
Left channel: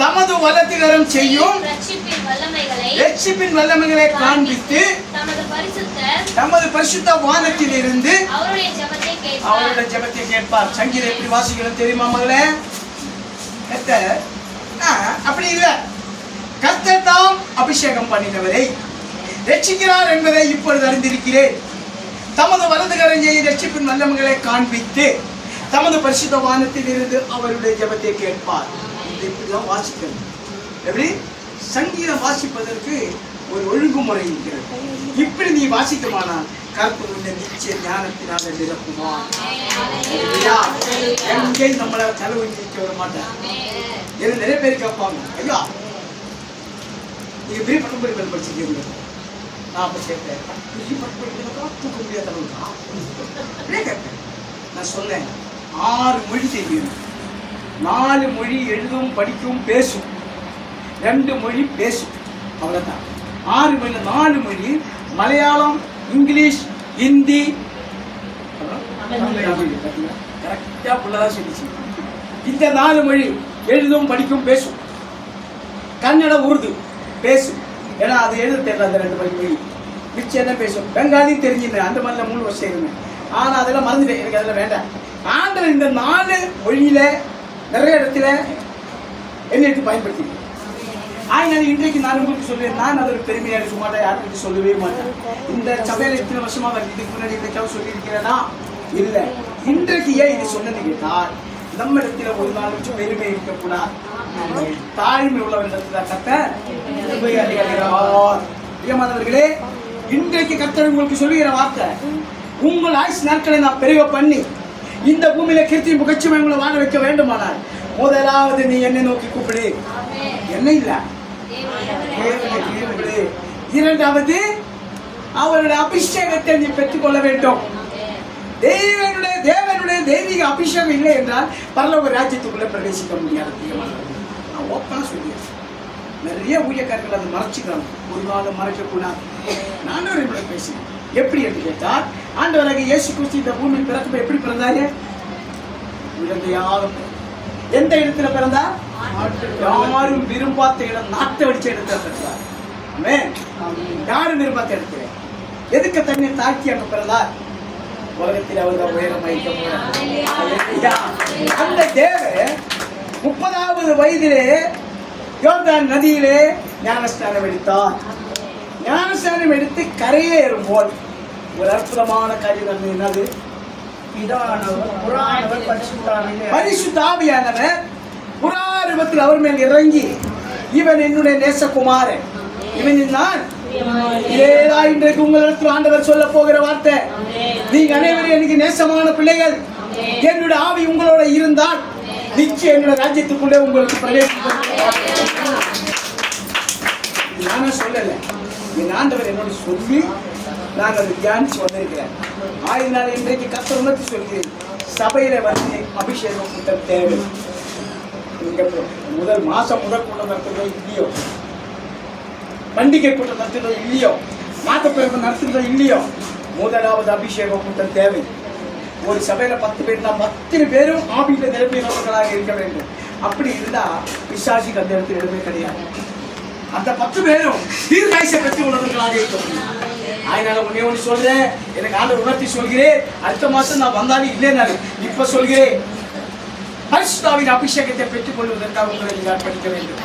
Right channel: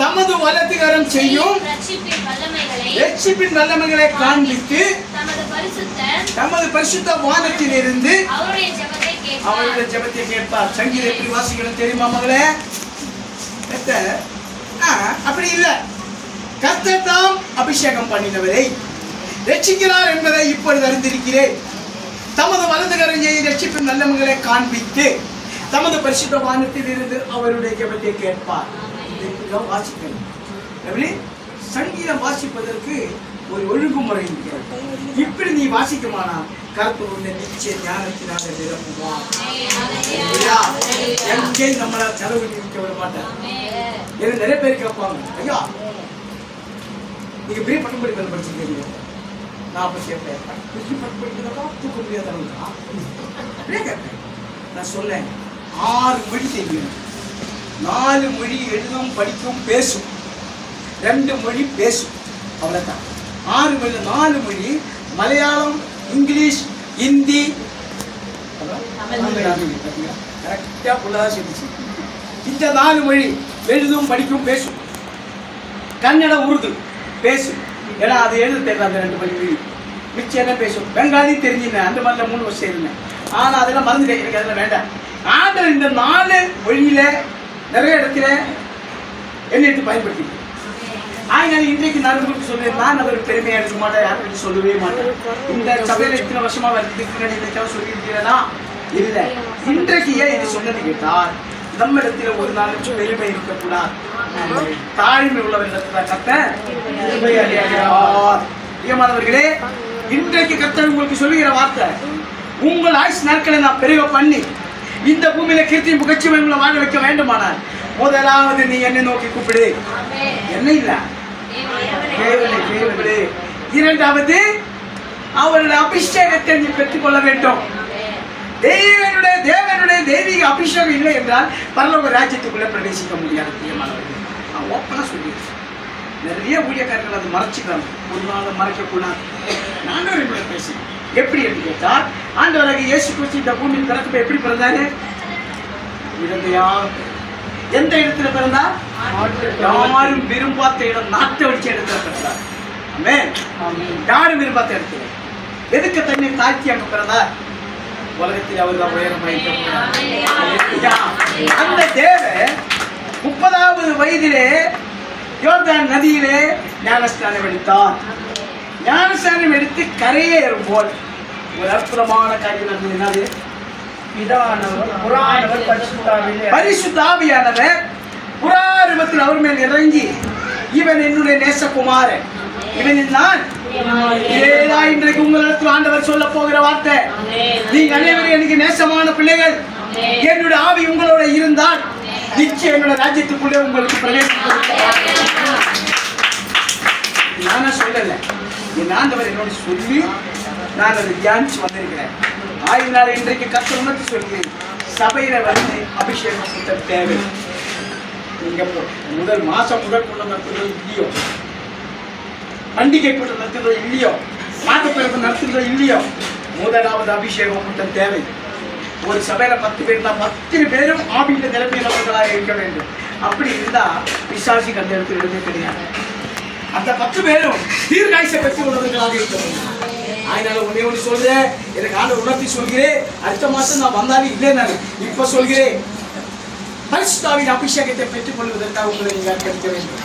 தமது வலது கரம் செய்யும் ரட்சிப்பின் வல்லமைகளை காண்பித்து தமது பரிசுத்த வானத்தில் இருந்து அவருடைய ஜெபத்தை கேட்பார். சங்கீதம் எப்படி வாசிக்கணும் தெரியுமா மகளே? அப்படி இல்லை. கர்த்தர் தாம் அபிஷேகம் பண்ணினவரை ரட்சிக்கிறார் என்பதை இப்பொழுது அறிந்திருக்கிறேன். தமது வலது கரம் செய்யும் ரட்சிப்பின் வல்லமைகளை காண்பித்து தமது பரிசுத்த வானத்தில் இருந்து அவருடைய ஜெபத்தை கேட்பார். இப்படிதான் வாசிக்கணும். எப்படி? சங்கீதம் வாசிப்பதற்கு ஒரு ஒழுங்குமுறை இருக்கிறது. இப்படி நீ வாசிக்குமானா கர்த்தருடைய நிச்சய ஞானத்தினால நிரப்புவார். எங்கே நம்மள செலவு நிற்க வர மாட்டார். எனக்கு நிறைய பேர் கேட்பாங்க, ஐயா நீங்க பெரிய பட்டம் படிப்பு படிச்சிருக்கீங்க. நான் அப்ப கேட்பேன், பெரிய பட்டம் படிக்கிறதா தூக்க முடியாத அளவுக்கா அப்படியே கேட்பேன். நான் சொல்லேன் 6 மொழி தெரியும். 4 மொழி எழுதும் படிக்கவும் பேசும். 2 மொழி பேசும். அவ்வளவுதான். 6 மொழி 4 மொழி மலையாளம், இங்கிலீஷ், ஹிந்தி கரெக்டா புள்ளதான் சொல்லிச்சு. இந்த 4 மொழி எழுதும் படிக்கும் பேசும். கன்னட, உருது பேசும். ஏன்னா அது எழுத தெரியல அந்த 2 மொழி. மிச்சம் என்ன பேசும்? பெங்காலி தெரிஞ்சுங்க. அந்த மாதிரில 3 வருஷம் இருந்தேன். ஆனா அதெல்லாம் மறந்துட்டேன். எனக்கு அதெல்லாம் வேண்டாம். ஆண்டவர் இந்த 4 மொழியில நிறைய இடத்துல என்ன எடுத்து பயன்படுத்தி ஆயினாலும் இன்றைக்கு நான் உங்களுக்கு சொல்லுவேன். நான் அவருக்கு பெருமையா இருக்க மாட்டேன், யாருக்கு சொல்லவே மாட்டேன். இந்த சபையில இத்தனை வருஷமா இதுக்கு முன்னாடி இன்னைக்காக சொல்லியிருக்கிறேன்னா இல்லை. இன்றைக்கு ஏன் இது சொன்னது கேட்டால் நம்ம இடத்துல ஒரு நாளைக்கு பெருமை இருக்கக்கூடாது. தாழ்மை உள்ளவர்களிடத்துல கர்த்தர் ஏமானவர்களே, இன்றைக்கு கர்த்தர் உங்களுக்கு சொல்லுகிற வார்த்தை, உங்கள் ஆயுசு நாட்களை நான் பெருக பண்ணி இந்த பூமியில கீர்த்தி புகழ்ச்சியை உங்களை வாழ வைக்க வேண்டுமானால் முதலாவது நீ என்னை நோக்கி கூப்பிடு. என்ன இல்ல, இரண்டாவது அவருடைய அபிஷேகத்தை நீ பெற்றுக்கொள்ள வேண்டும். தேவனுடைய தெய்வீக அபிஷேகம் இல்லை என்றால் பரலோக ராஜ்யத்துக்குள்ள பிரவேசிக்க முடியாது. நான் ஓப்பனா சொல்லிடுறேன். நிறைய ஊழியக்காரர்கள் அதை மறைச்சிக்கிறாங்க. ஒரு நாள் மறைக்க கூடாது. நானும் இப்படி பேசுறேன். எப்படி என்று கேட்டால் ஆண்டவராக இயேசு கிறிஸ்து இந்த பூமியில் பிறக்க எப்படி பிறந்தாரு? எந்த இடத்துல பிறந்தார்? யாரும் விரும்பாத்த இடம், நாட்டை வடிச்ச இடத்துல பிறந்தார். யாரும் விரும்பாத்த இடத்துல. எதுக்கு தன்னை தாழ்த்தி அங்க பிறந்தார்? உலகத்தில் அவர்தான் உயரம் அந்த தேவ 30வது வயதிலே யோர்தான் நதியிலே ஞானஸ்நானம் எடுத்தார். ஞானஸ்நானம் எடுத்து கரையேறும் போல் ஒரு அற்புதமான காரியம் நடந்தது. பரிசுத்த ஆவியானவர் புறாரூபத்தில் அவர் மேல் இறங்கி, இவன் என்னுடைய நேசகுமாரன், இவனில் நான் இன்றைக்கு உங்களிடத்தில் ஆண்டவர் சொல்ல போகிற வார்த்தை, நீங்க அனைவரும் எனக்கு நேசமான பிள்ளைகள். என்னுடைய ஆவி உங்களோட இருந்தால் நிச்சயம் என்னோட ராஜ்யத்துக்குள்ளே உங்களுக்கு பிரவேசிக்கும். நானே சொல்லல, என் ஆண்டவர் என்னோட சொல்லி நான் அதை தியானிச்சு வந்திருக்கிறேன். ஆயினால இன்றைக்கு கர்த்தர் உணர்த்தி சொல்கிறேன், சபையில வந்து அபிஷேகம் கூட்ட தேவை. நீங்க முதல் மாசம் முதல் கூட்டம் நடத்துறதோ இல்லையோ, பண்டிகை கூட்டம் நடத்துறதோ இல்லையோ, மாதப்பிறப்பு நடத்துறதோ இல்லையோ, முதலாவது அபிஷேகம் கூட்டம் தேவை. ஒரு சபையில 10 பேர் தான் 10 பேரும் ஆவியில நிரம்பினவர்களாக இருக்க வேண்டும். அப்படி இருந்தா பிசாசுக்கு அந்த இடத்துல இடமே கிடையாது. அந்த 10 பேரும் தீர்க்காயசை பெற்று உள்ளவர்களாக இருக்க வேண்டும். அதனால ஒண்ணு சொல்றேன், எனக்கு ஆண்டு உணர்த்தி சொல்கிறேன். அடுத்த மாசம் நான் வந்தாலும் இல்லைன்னா இப்ப சொல்கிறேன், பரிசுத்தாவின் அபிஷேகத்தை பெற்றுக் கொள்வதற்காக உங்களை நீங்கள் படிக்க வேண்டும்.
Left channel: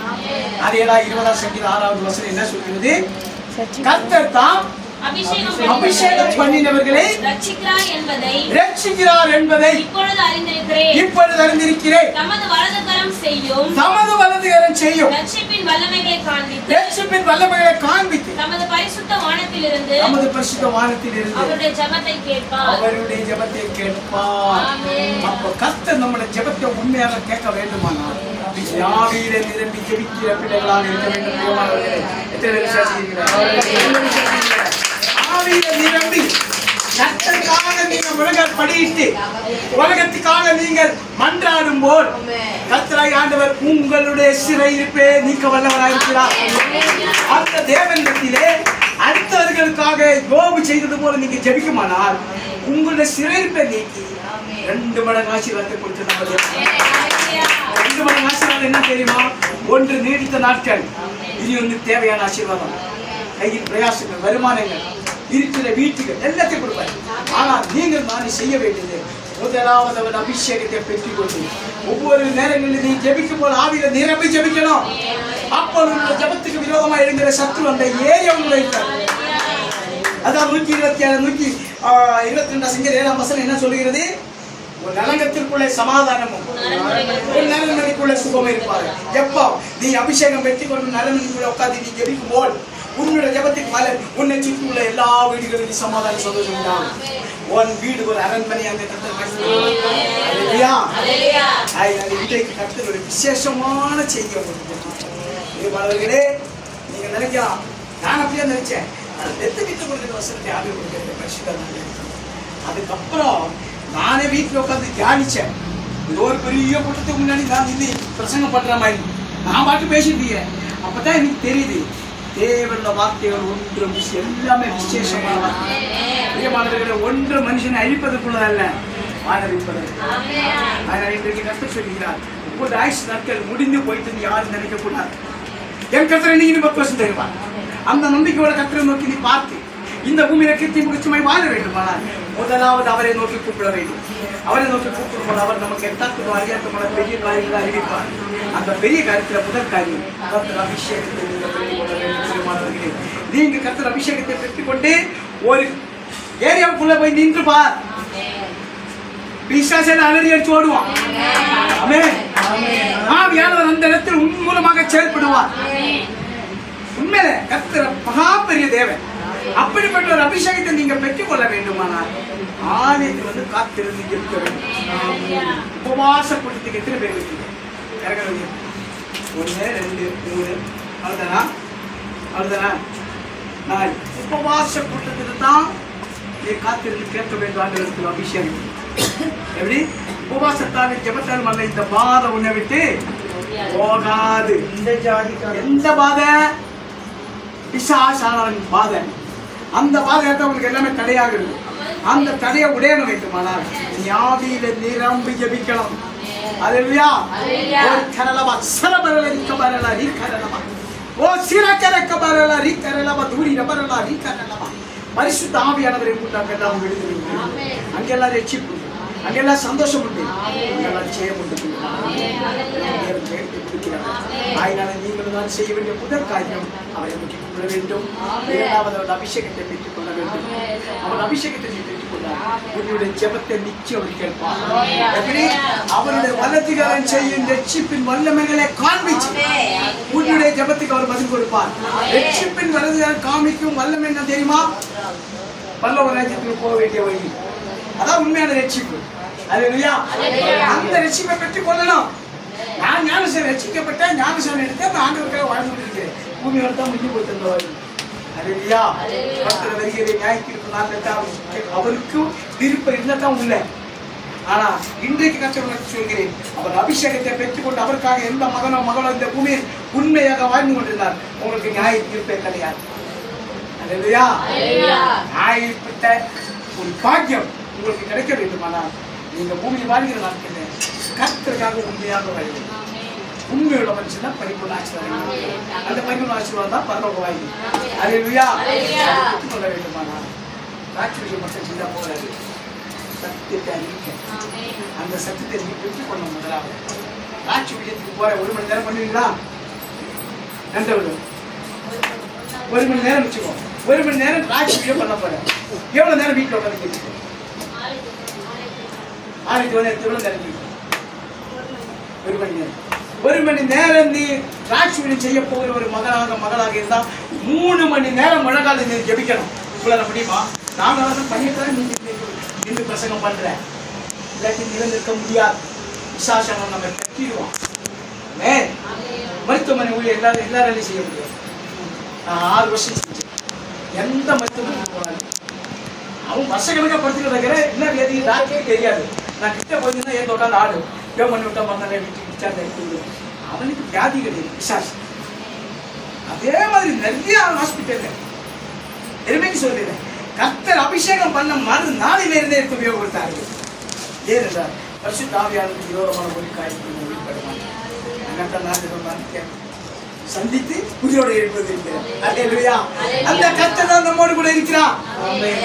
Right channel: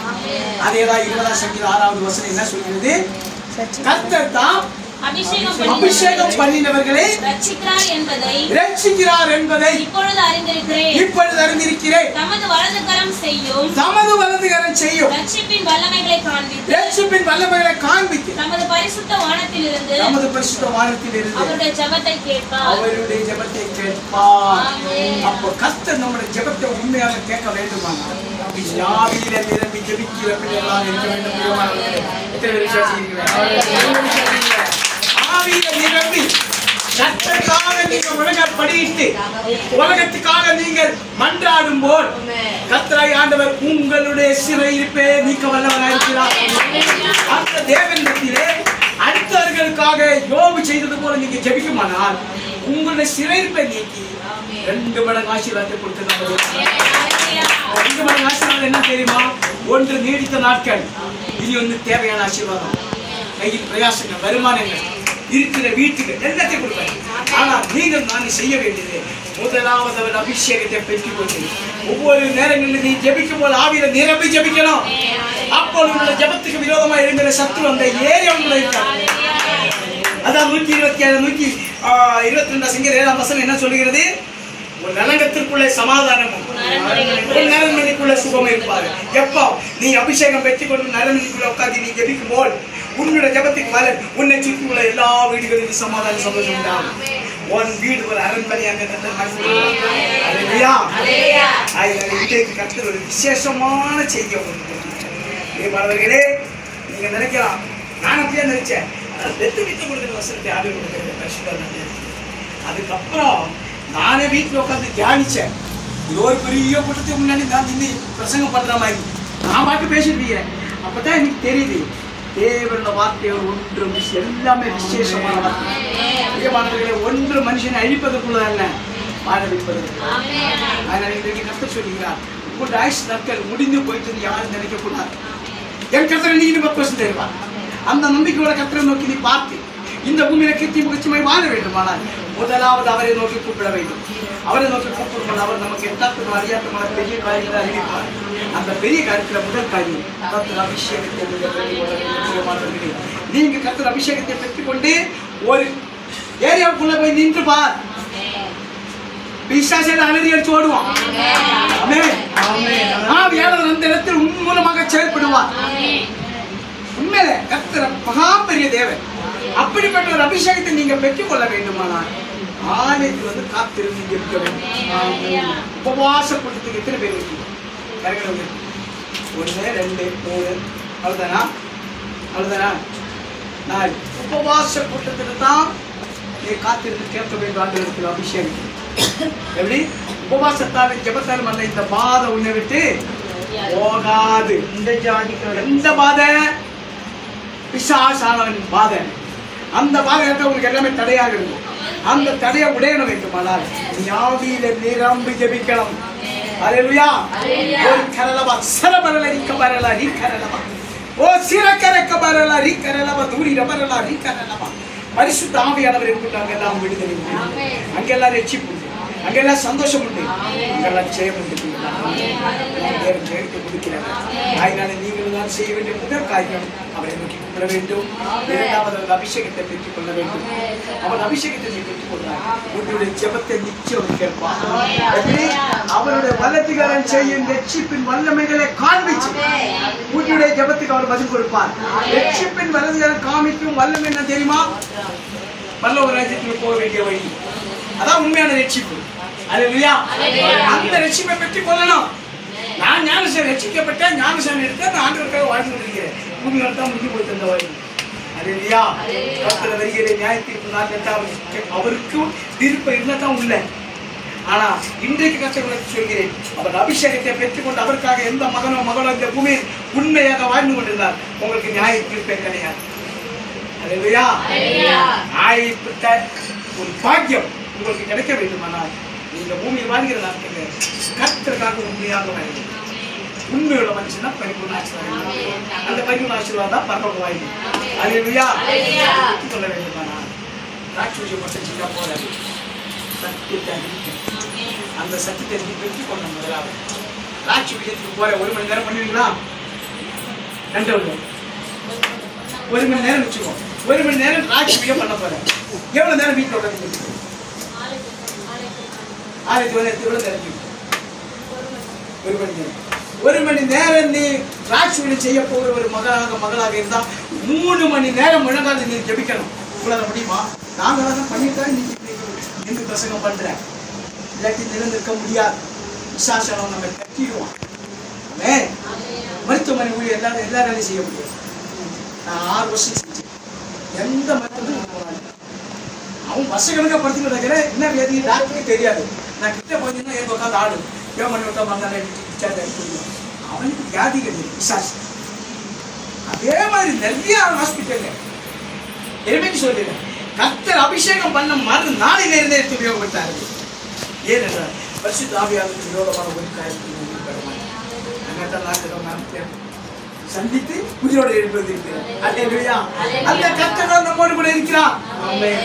அதேதான் 20ஆம் சங்கீதம் 6வது வசனம் என்ன சொல்கிறது? கர்த்தர் தாம் அபிஷேகம் பண்ணினவர்களை ரட்சிக்கிறார் என்பதை இப்பொழுது அறிந்திருக்கிறேன். தமது வலது கரம் செய்யும் ரட்சிப்பின் வல்லமைகளை காண்பித்து தமது பரிசுத்த வானத்திலிருந்து அவருடைய ஜெபத்தை கேட்பார். அப்போ கர்த்தர் நம்முடைய ஜெபத்தை உண்மையாக கேட்க வேண்டுமானால் ஆவியிலே நிரம்பி ஜெபிக்கிற பிள்ளைகளாக இருக்க வேண்டும். எத்தனை விசுவாசிக்கிறீர்கள்? ஆவியில நிரம்பி கர்த்தருக்காக நீங்கள் முழங்கால் படியிட்டு உலகத்துக்காக நீங்கள் மன்றாடும் போது கர்த்தராகிய ஆண்டவர் உங்களுடைய சிறையிருப்பை நீக்க வல்லவராயிருக்கிறார். அந்த தேவனிடத்திலே அடுத்தவர்களுக்காக யோபு செய்தது போல நீங்க ஜெபிக்குமானால் உங்களுடைய சிறையிருப்பை நீக்கி 2 மடங்கு ஆசீர்வாதத்தை கொடுத்து நம்ம 2 மடங்கு ஆசீர்வாதம் என்ன தெரியுமா? 1 நீடித்த நாட்கள், இனி வந்து தேவையான ஆசீர்வாதம், கையில் பிரயாசங்கள், வருமானங்கள், இருக்கிற வீட்டுக்கு எல்லாத்தையும் கொடுப்பாரு. ஆனால் நீங்கள் நான் செய்ய வேண்டியது முதலாவது அவர் அபிஷேகத்தை பெற்றுக் கொண்டு ஒவ்வொரு நேரங்களில் நீ ஜெபிக்கும் போது ஆவியில நிரம்பி ஜெபிக்கணும். அப்பொழுது ஜெபத்துக்கு விரோதமா எழுகிற சத்துரு அந்த ஏரியா உங்களை இருக்காது. அதான் 122 சங்கீதம் 7ஆம் வசனம் என்ன சொல்லுகிறது? ஒரு நலங்கத்திற்குள்ளே சமாதானமும் ஒரு நரண்மணிக்குள்ள சுகமும் இருப்பாரு. எப்போ நீ அபிஷேகம் பெற்றுக் கொண்டு நரண்மணிக்குள்ள உட்காந்து நீ ஜெபிக்கும் போது உன்னுடைய ஜெபத்துக்கு மேல உன்னை சுற்றி உள்ள எல்லா வீடுகளிலும் சமாதானம் சந்தோஷம் உண்டாகும். உன் வீடு ஒரு அரண்மனையாக கர்த்தர் ஒரு விசேஷமான செய்தி உங்களுக்கு. நீங்க நினைக்கலாம், நான் அப்படியே நினைச்சேன் வீட்டுல கொடுக்கிற வசனத்தை ஆவி கொடுக்கிறது பரிசுத்தம். அதுக்கப்புறம் நானே வீட்டுல உட்காந்து தியானிச்சேன். இது ஒரு பெரிய கூட்டத்துக்கு முன்னாடி நான் இன்னி பிரசங்கம் பண்ற மாதிரி நான் பாட்டு பேசிட்டு இருக்கேன். அப்பதான் எனக்கு தெரியுது தேவனுடைய வார்த்தைகள் ஒன்றும் எல்லாமே விசேஷமான வார்த்தை. பிரியமானவர்களே, ஒன்று மனுஷனை அழிப்பதற்குள்ள அல்ல, ஆரம்பிப்பதற்கு. அதனால இன்றைக்கு கர்த்தர் சொல்லுகிறார், உங்களுடைய ஆயுசு நாட்கள் முடிந்து போயிட்டு யாரும் நினைக்க கூடாது. என் கர்த்தரை நீங்க 10% தருவார். அந்த நம்பிக்கையோட கர்த்தரை நோக்கி நீ பார்த்து இந்த பூமியில கீர்த்தி முகச்சுமை வாழ வேண்டுமானால் முதலாவது அவரை நோக்கி கூப்பிட வேண்டும். அவரை நோக்கி கூப்பிடும்போது அவர் நமக்கு எட்டாத்துக்கும் அறியாத்தமான பெரிய காரியங்களை அறிவிப்பார். அந்த பெரிய காரியத்துல முதல் காரியம் கர்த்தர் அபிஷேகத்தை நீங்க கர்த்தர் அபிஷேகத்தை பெற்றுக்கொண்டு ஒரு ஏரியாவுக்குள்ள போய் நின்று பார். பிசாசேன அலறி அடிச்சு ஓடுவான். ஆவியானவர் அந்த இடத்தில் உன் மூலமாக செயல்படுவார். உண்மையில கர்த்தர் மகா பெரிய தேவன். அப்படிப்பட்ட ஒரு அபிஷேகத்தை நீங்க பெற்றுக்கொள்ள வேண்டுமானால் ஆலயத்தில் வந்து காத்திருந்து இருக்க வேண்டும். உபவாசப்படுறதுக்கு எத்தனை பேர் இருக்கீங்க? 1 2 3 அவ்வளவுதானா? 4 உபவாசப்படுறதுக்கு தான் நீ காத்திருந்து கேட்க வேண்டும். ஆண்டவருக்கு அபிஷேகம் எப்படி உபவாசத்தாலும் ஜெபத்தாலும் அல்ல, இந்த பாதை உன்னை விட்டு போகாது. எந்த பாதை? பிசாசானவன் பாதை. அந்த பாதை உங்களுக்கு எல்லாமே தடையாக இருக்கும். அந்த தடையை உடையணும் வேண்டுமானால் நீ ஆவியில நிரம்பி ஜெபிக்கணும். அல்லேலூயா. ஒரு கரலபா சரபரல ரிக்கபரல ரிக்கரலபா ஓ சிரக்கரக்க பரல ரிக்கரலபா தூரி ரபரல ரிக்கரலபா. பரிசுத்த ஆவியானவர் கூட்டாங்க எல்லாம் விடுதலை உண்டு, அங்கெல்லாம் ரட்சிப்பு உண்டு, அங்கெல்லாம் சந்தோஷம் உண்டு, அங்கெல்லாம் ஜெயம் உண்டு. ஜெயத்தை கொடுக்கிறார். அதனால நீங்கள் தான் செய்ய வேண்டிய முதல் காரியம் அவரை நோக்கி கூப்பிட வேண்டும். 2வது அபிஷேகத்தை பெற்றுக் கொள்ள வேண்டும். அவன் அபிஷேகத்தை பெற்றுக் கொண்டார் உன்னுடைய ஜெபத்தை நிச்சயம் அவர் கேட்பார். எப்படி அவருடைய வல்லதிகாரம் செய்யும் ரட்சிப்பின் வல்லமைகளை காண்பிச்சு உன்னுடைய ஜெபத்துக்கு அவர் பதில் கொடுப்பார். ரட்சிப்பின் வல்லதிகாரம் காமிக்கும் வல்லமை என்ன தெரியுமா? பல்லவ ராஜ்யத்துக்கு போக வேண்டிய வழி. அதான் உண்மையான ரட்சிப்பு. அல்லேலூயா. அந்த ரட்சிப்பை பெற்றுக் கொள்ளணும். நான் ஞானசன் ரட்சிக்கப்பட்ட ஞானசன் எடுத்து நான் ஆண்டவருக்காக வாழ்ந்து கொண்டிருக்கிறேன். பூமி வரத்தான் முடிஞ்சு போயிட்டு அந்த வாழ்வு. அல்லேலூயா. கர்த்தர் வருகிற நியாயத்தீர்ப்பு நாள் அவருக்கு தீர்ப்பு இருந்தாதான் உள்ள. ஆனா இன்றைக்கு கர்த்தர் சொல்கிறேன், அவர் அபிஷேகத்தை பெற்றுக்கொண்டு அவருக்காக எந்த மகனோ மகளோ இந்த பூமியில் உண்மையாக வாழ்ந்து கொண்டிருந்தார். உங்களுக்கு நியாய தீர்ப்பே கிடையாது. அல்லேலூயா. நியாயப்பட்ட ஒரு பாக்கியம் உங்களுக்கு கிடைக்க வேண்டுமானால் நீங்க பூமியில் வாழ்கிற நாட்கள் கர்த்தருக்காக உண்மையாக வாழ வேண்டும். உண்மையோட மனுஷனா பரிபூர்ண ஆசீர்வாதம். அந்த பரிபூர்ண ஆசீர்வாதம் தான் பரலோக வாழ்க்கை. அல்லேலூயா. கொள்ள வேண்டுமானால் ராட்சூரியை மட்டும் செய்யா போறாரு. சத்தியத்தை அறிவிக்க அந்த சத்தியத்தை பெற்றுக் கொள்ள முதலாவது ராட்சூரியத்துக்கு போற 1 மணி நேரம் பண்ணுவீங்களா? 2 1 மணி நேரம் வச்சுக்கோ. 1 மணி நேரம் ராட்சூரியம் பண்ண போறேன். எவ்வளவு நேரம் வீட்டில் உட்காந்து 6 மணி நேரத்துக்கு எவ்வளவு நேரம்? 1 மணி நேரம். 1 மணி நேரம் நீ ராட்சூரியம் செய்ய போகிற ஒரு மகளாக இருந்தா 3 மணி நேரம் முழங்கால நீ ஜெபிக்கணும். உங்களால முடியுமா? நாங்க பண்ணிட்டு நீங்க இந்த பிரசங்கம் பண்ற இல்லாட்டி நிலந்திருக்க முடியாது. விசாசனம் நம்ம கட்டிடுவோம். மருத்துவமனை ஊழியர் எல்லாரும் செய்ய முடியாது. நான் 6 வருஷம் செஞ்சேன். எந்த மருத்துவமும் போறாங்க. அவன் வருஷக்கணக்காக படுத்துட்டு இருக்கிற என்ன வியாதி டாக்டரே தெரியாது. நான் கிட்ட போயிருந்தா எங்க உட்காந்து ஆடு பேமெண்ட் விட்டா மறுநாள் டிஸ்சார்ஜ் ஆகி போயிடுவோம். அவனுக்கு வியாதி கிடையாது, விசாசம். அதே மாதிரி நிறைய ஹாஸ்பிட்டல் எருமைக்கு சொல்லிடுறேன். கர்த்தர் அபிஷேகம் பண்ண மறுநாளிலே இருந்தே எடுத்து உபயோகப்படுத்தார்கள். ஏனென்றால் பரிசுத்த ஆவியானவருக்கு விரோதமான ஒரு காரியத்தை சந்தித்து உயிரோடு எழுப்பது இருக்கிறார். அல்லேலூயா. அந்த கர்த்தர் நம்மோடு கூட இருக்கிறார்.